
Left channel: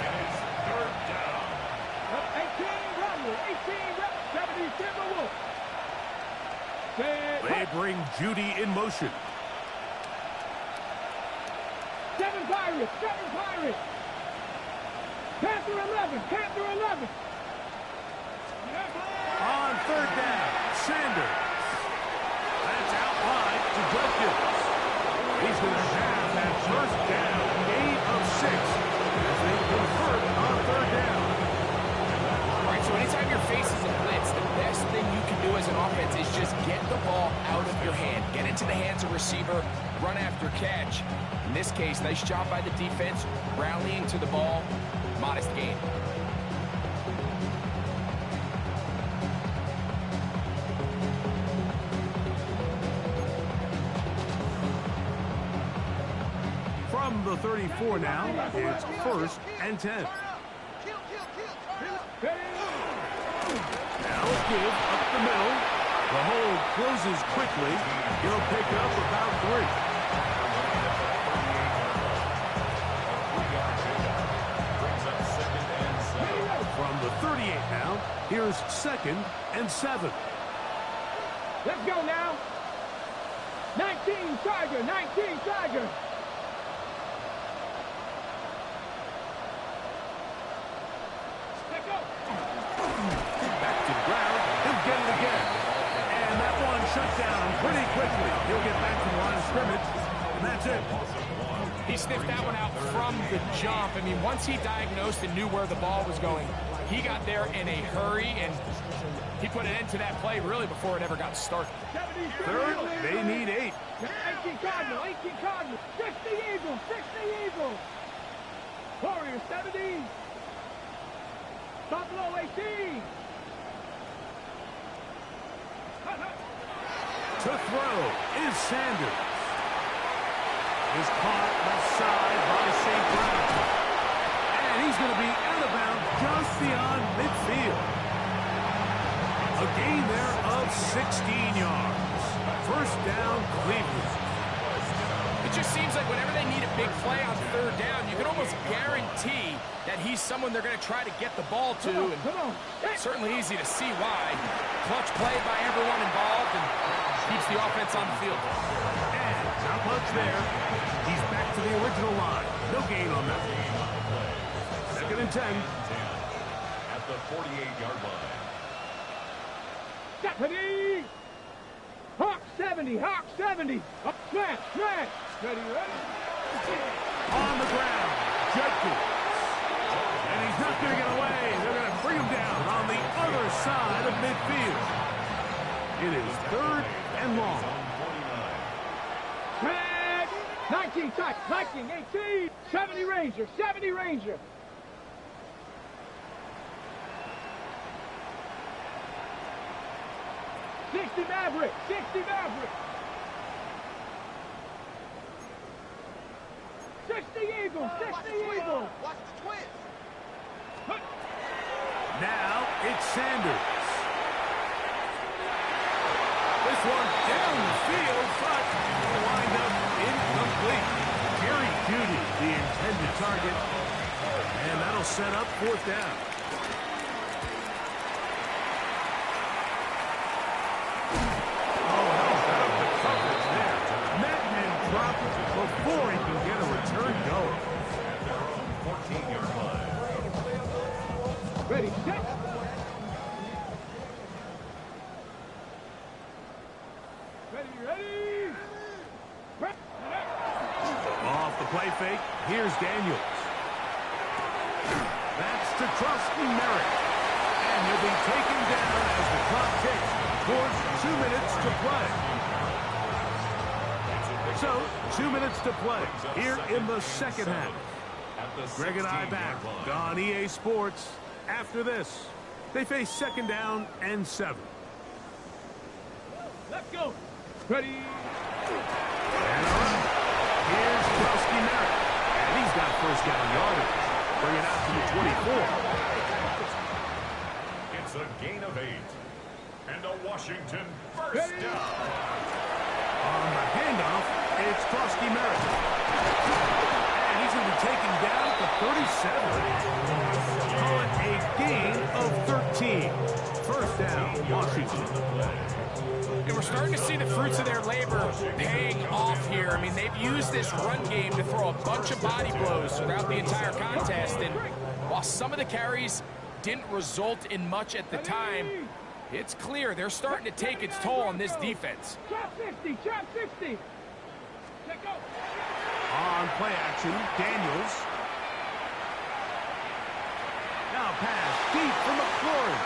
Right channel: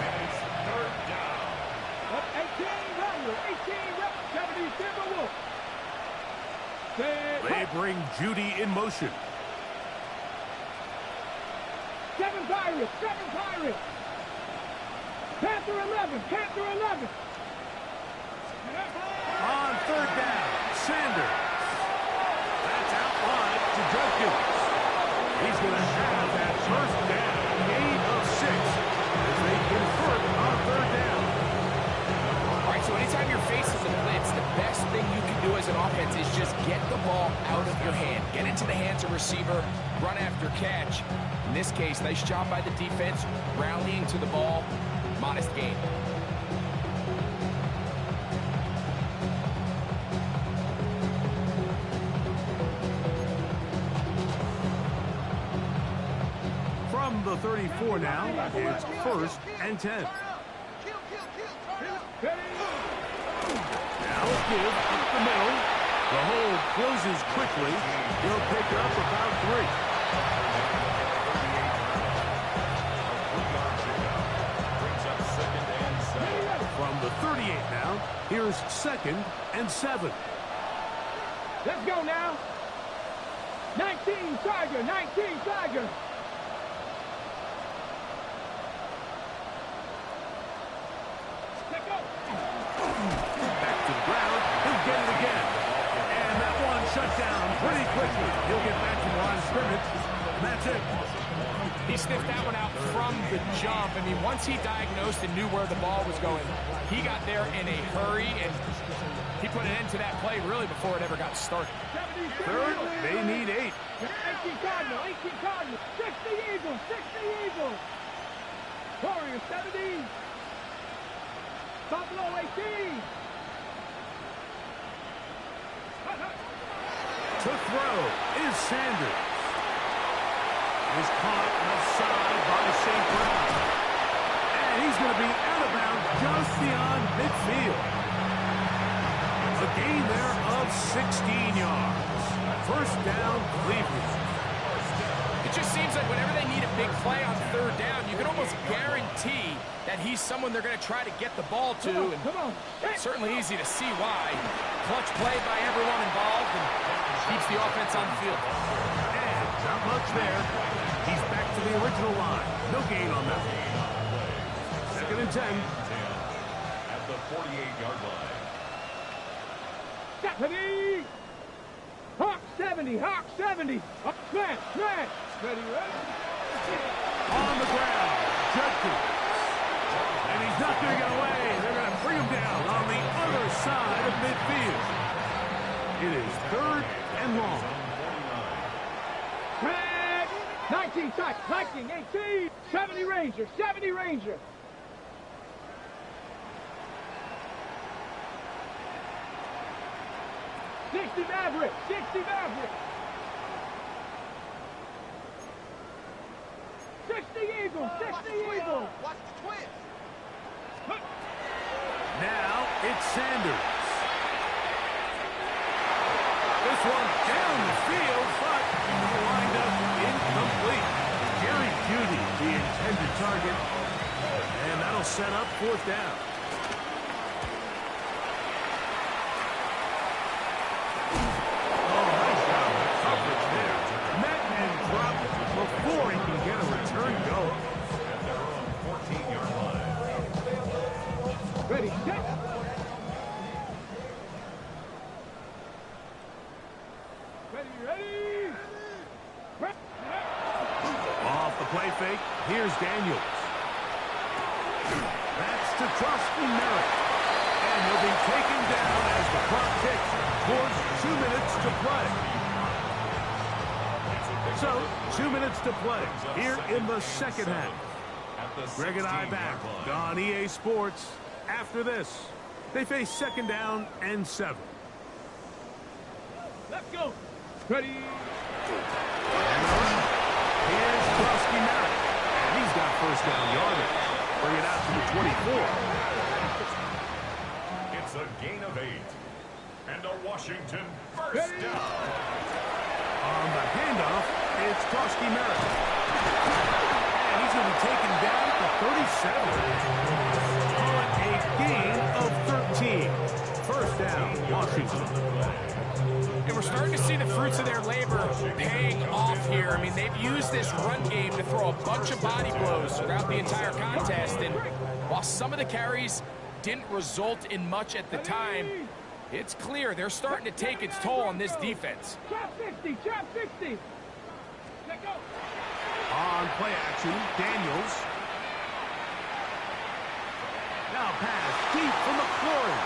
and it's 3rd down. reps. 70 Timberwolves. They bring Judy in motion. 7 Pirates. 7 Pirates. Panther 11. Panther 11. On third down, Sanders. That's out wide to Judkins. He's going to have that first down, gain of 6, as they convert on third down. All right, so anytime you're facing the blitz, the best thing you can do as an offense is just get the ball out of your hand. Get into the hands of receiver, run after catch. In this case, nice job by the defense, rallying to the ball, modest gain. From the 34 now, it's 1st and 10. Now a give up the middle. The hole closes quickly. He'll pick up about 3. Brings up 2nd and 7. From the 38 now, here's 2nd and 7. Let's go now. 19 Tiger. 19 Tiger. Let's go. Back to the ground. He'll get it again. And that one shut down pretty quickly. He'll get back to the line of scrimmage. And that's it. He sniffed that one out from the jump. I mean, once he diagnosed and knew where the ball was going, he got there in a hurry, and he put an end to that play really before it ever got started. 3rd, they need 8. 18 Cardinal. 18 Cardinal. 60 Eagles. 60 Eagles. Warriors 70. Buffalo 18. To throw is Sanders. Is caught left side by St. Brown. And he's going to be out of bounds just beyond midfield. A gain there of 16 yards. First down, Cleveland. It just seems like whenever they need a big play on third down, you can almost guarantee that he's someone they're going to try to get the ball to. And it's certainly easy to see why. Clutch play by everyone involved and keeps the offense on the field. And not much there. He's back to the original line. No gain on that. 2nd and 10. At the 48-yard line. 70. Hawk 70. Hawk 70. Up, smash, smash. Ready, ready. On the ground, Judkins. And he's not going to get away. They're going to bring him down on the other side of midfield. It is 3rd and long. 19 tight. 19, 18. 70 Ranger. 70 Ranger. $60 Maverick. $60 Maverick. 60 Eagles. 60 Eagles. Watch the twins. Now it's Sanders. This one down the field, but will wind up incomplete. Jerry Jeudy, the intended target, and that'll set up 4th down. Oh, how about the coverage there? Met and dropped before he can get a return going. At their own 14-yard line. Ready, set. Ready. Off the play fake, here's Daniels. That's to Trusty Merritt. And he'll be taken down as the clock ticks towards 2 minutes to play. So, 2 minutes to play here in the second half. Greg and I back on EA Sports. After this, they face 2nd down and 7. Let's go. Ready. And all right, here's Trusty Merritt. And he's got 1st down yardage. Bring it out to the 24. It's a gain of 8. And a Washington first down. On the handoff, it's Trusty Merritt. And he's going to be taken down at the 37. Call it a gain of 13. 19. First down, Washington. And we're starting to see the fruits of their labor paying off here. I mean, they've used this run game to throw a bunch of body blows throughout the entire contest. And while some of the carries didn't result in much at the time, it's clear they're starting to take its toll on this defense. Trap 60, trap 60. Let go. On play action, Daniels. Now pass deep for McLaurin.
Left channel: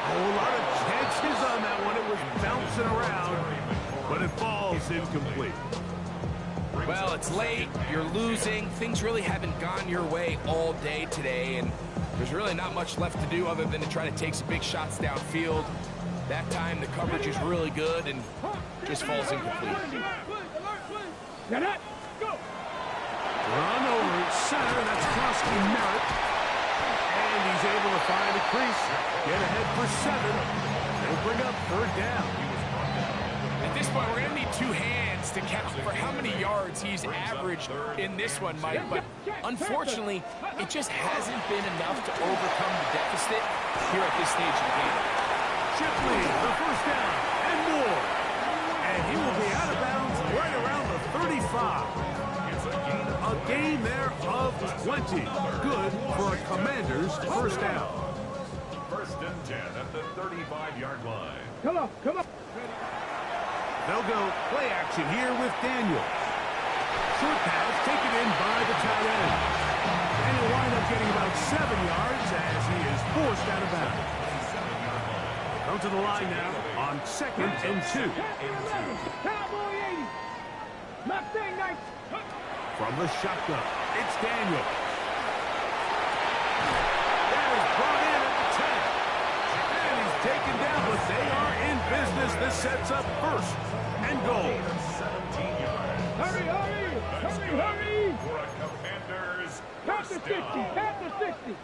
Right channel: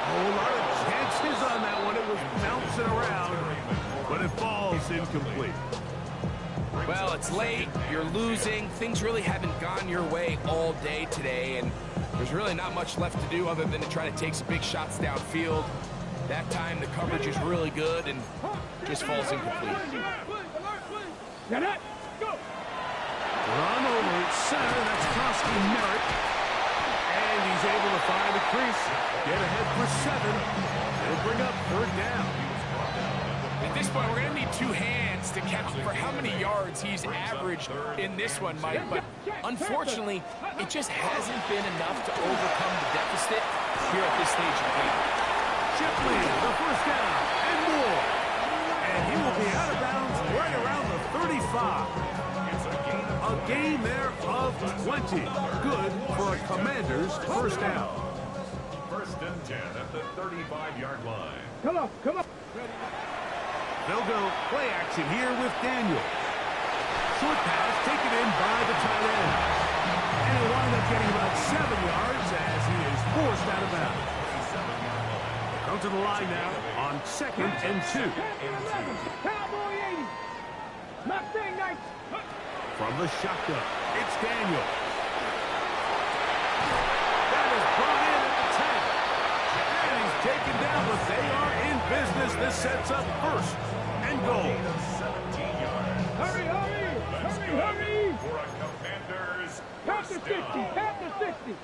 A whole lot of chances on that one. It was bouncing around, but it falls incomplete. Well, it's late, you're losing, things really haven't gone your way all day today, and there's really not much left to do other than to try to take some big shots downfield. That time the coverage is really good and just falls incomplete. Get it. Go. Run over center, that's Krosky Merritt. And he's able to find a crease, get ahead for 7. They'll bring up 3rd down. At this point, we're going to need 2 hands to count for how many yards he's averaged in this one, Mike. But unfortunately, it just hasn't been enough to overcome the deficit here at this stage of the game. Shipley, the first down, and more. And he will be out of bounds right around the 35. A gain there of 20. Good for a Commander's first down. 1st and 10 at the 35-yard line. Come on, come on. They'll go play action here with Daniels. Short pass taken in by the tight end. And he'll wind up getting about 7 yards as he is forced out of bounds. They come to the line now on 2nd and 2. Cowboy 80. Mustang 9. From the shotgun, it's Daniels. That is brought in at the 10. And he's taken down, but they are in business. This sets up 1st and goal. 17 yards. Hurry, hurry, hurry, hurry. For a Commander's Count to 60, count to 60.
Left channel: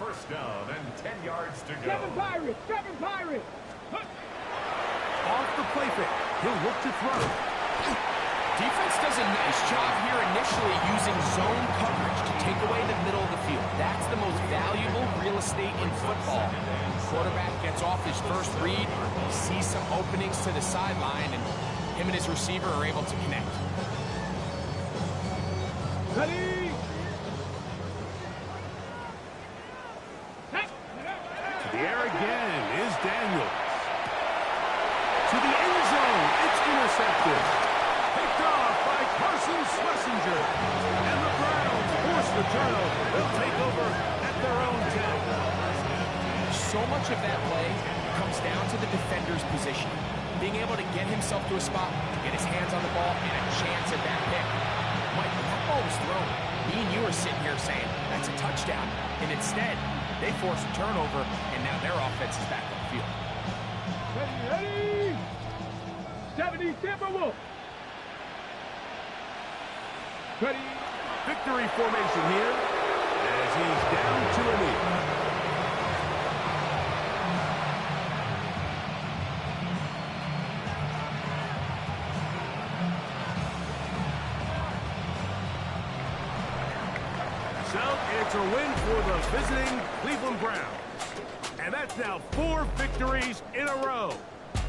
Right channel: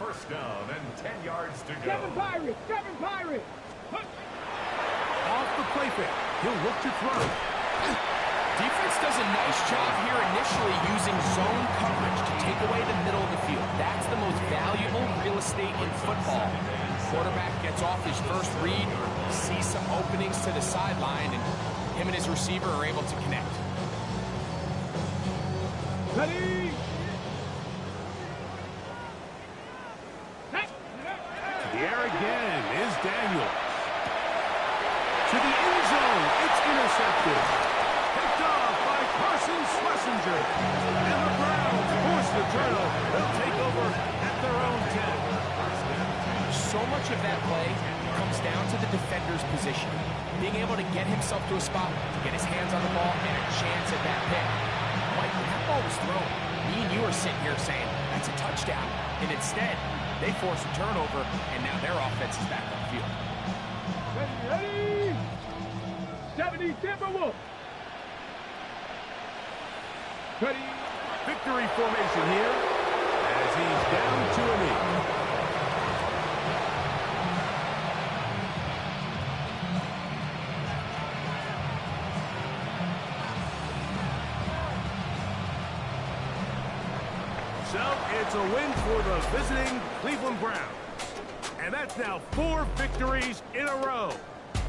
1st down and 10 yards to go. 7 Pirates, 7 Pirates. Off the play fake, he'll look to throw. Defense does a nice job here initially using zone coverage to take away the middle of the field. That's the most valuable real estate in football. Quarterback gets off his first read, sees some openings to the sideline, and him and his receiver are able to connect. Ready. To the air again is Daniels. To the end zone, it's intercepted. Picked off by Carson Schlesinger. And the Browns force the turnover. They'll take over at their own 10. So much of that play comes down to the defender's position. Being able to get himself to a spot, to get his hands on the ball, and a chance at that pick. Mike, when that ball was thrown, me and you are sitting here saying, that's a touchdown. And instead, they force a turnover, and now their offense is back on the field. Ready, ready. 70 Timberwolves. Ready. Victory formation here as he's down to a knee. So it's a win for the visiting Cleveland Browns. And that's now 4 victories in a row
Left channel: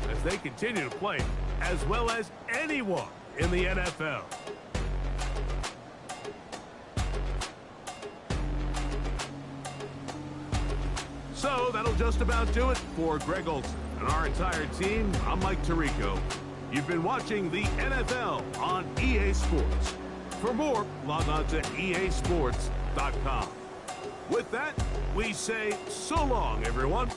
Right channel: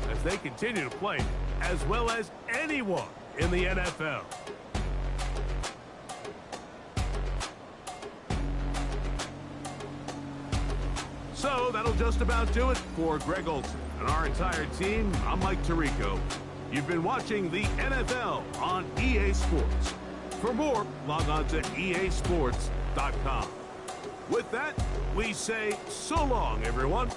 as they continue to play as well as anyone in the NFL. So that'll just about do it for Greg Olsen and our entire team. I'm Mike Tirico. You've been watching the NFL on EA Sports. For more, log on to easports.com. With that, we say so long, everyone.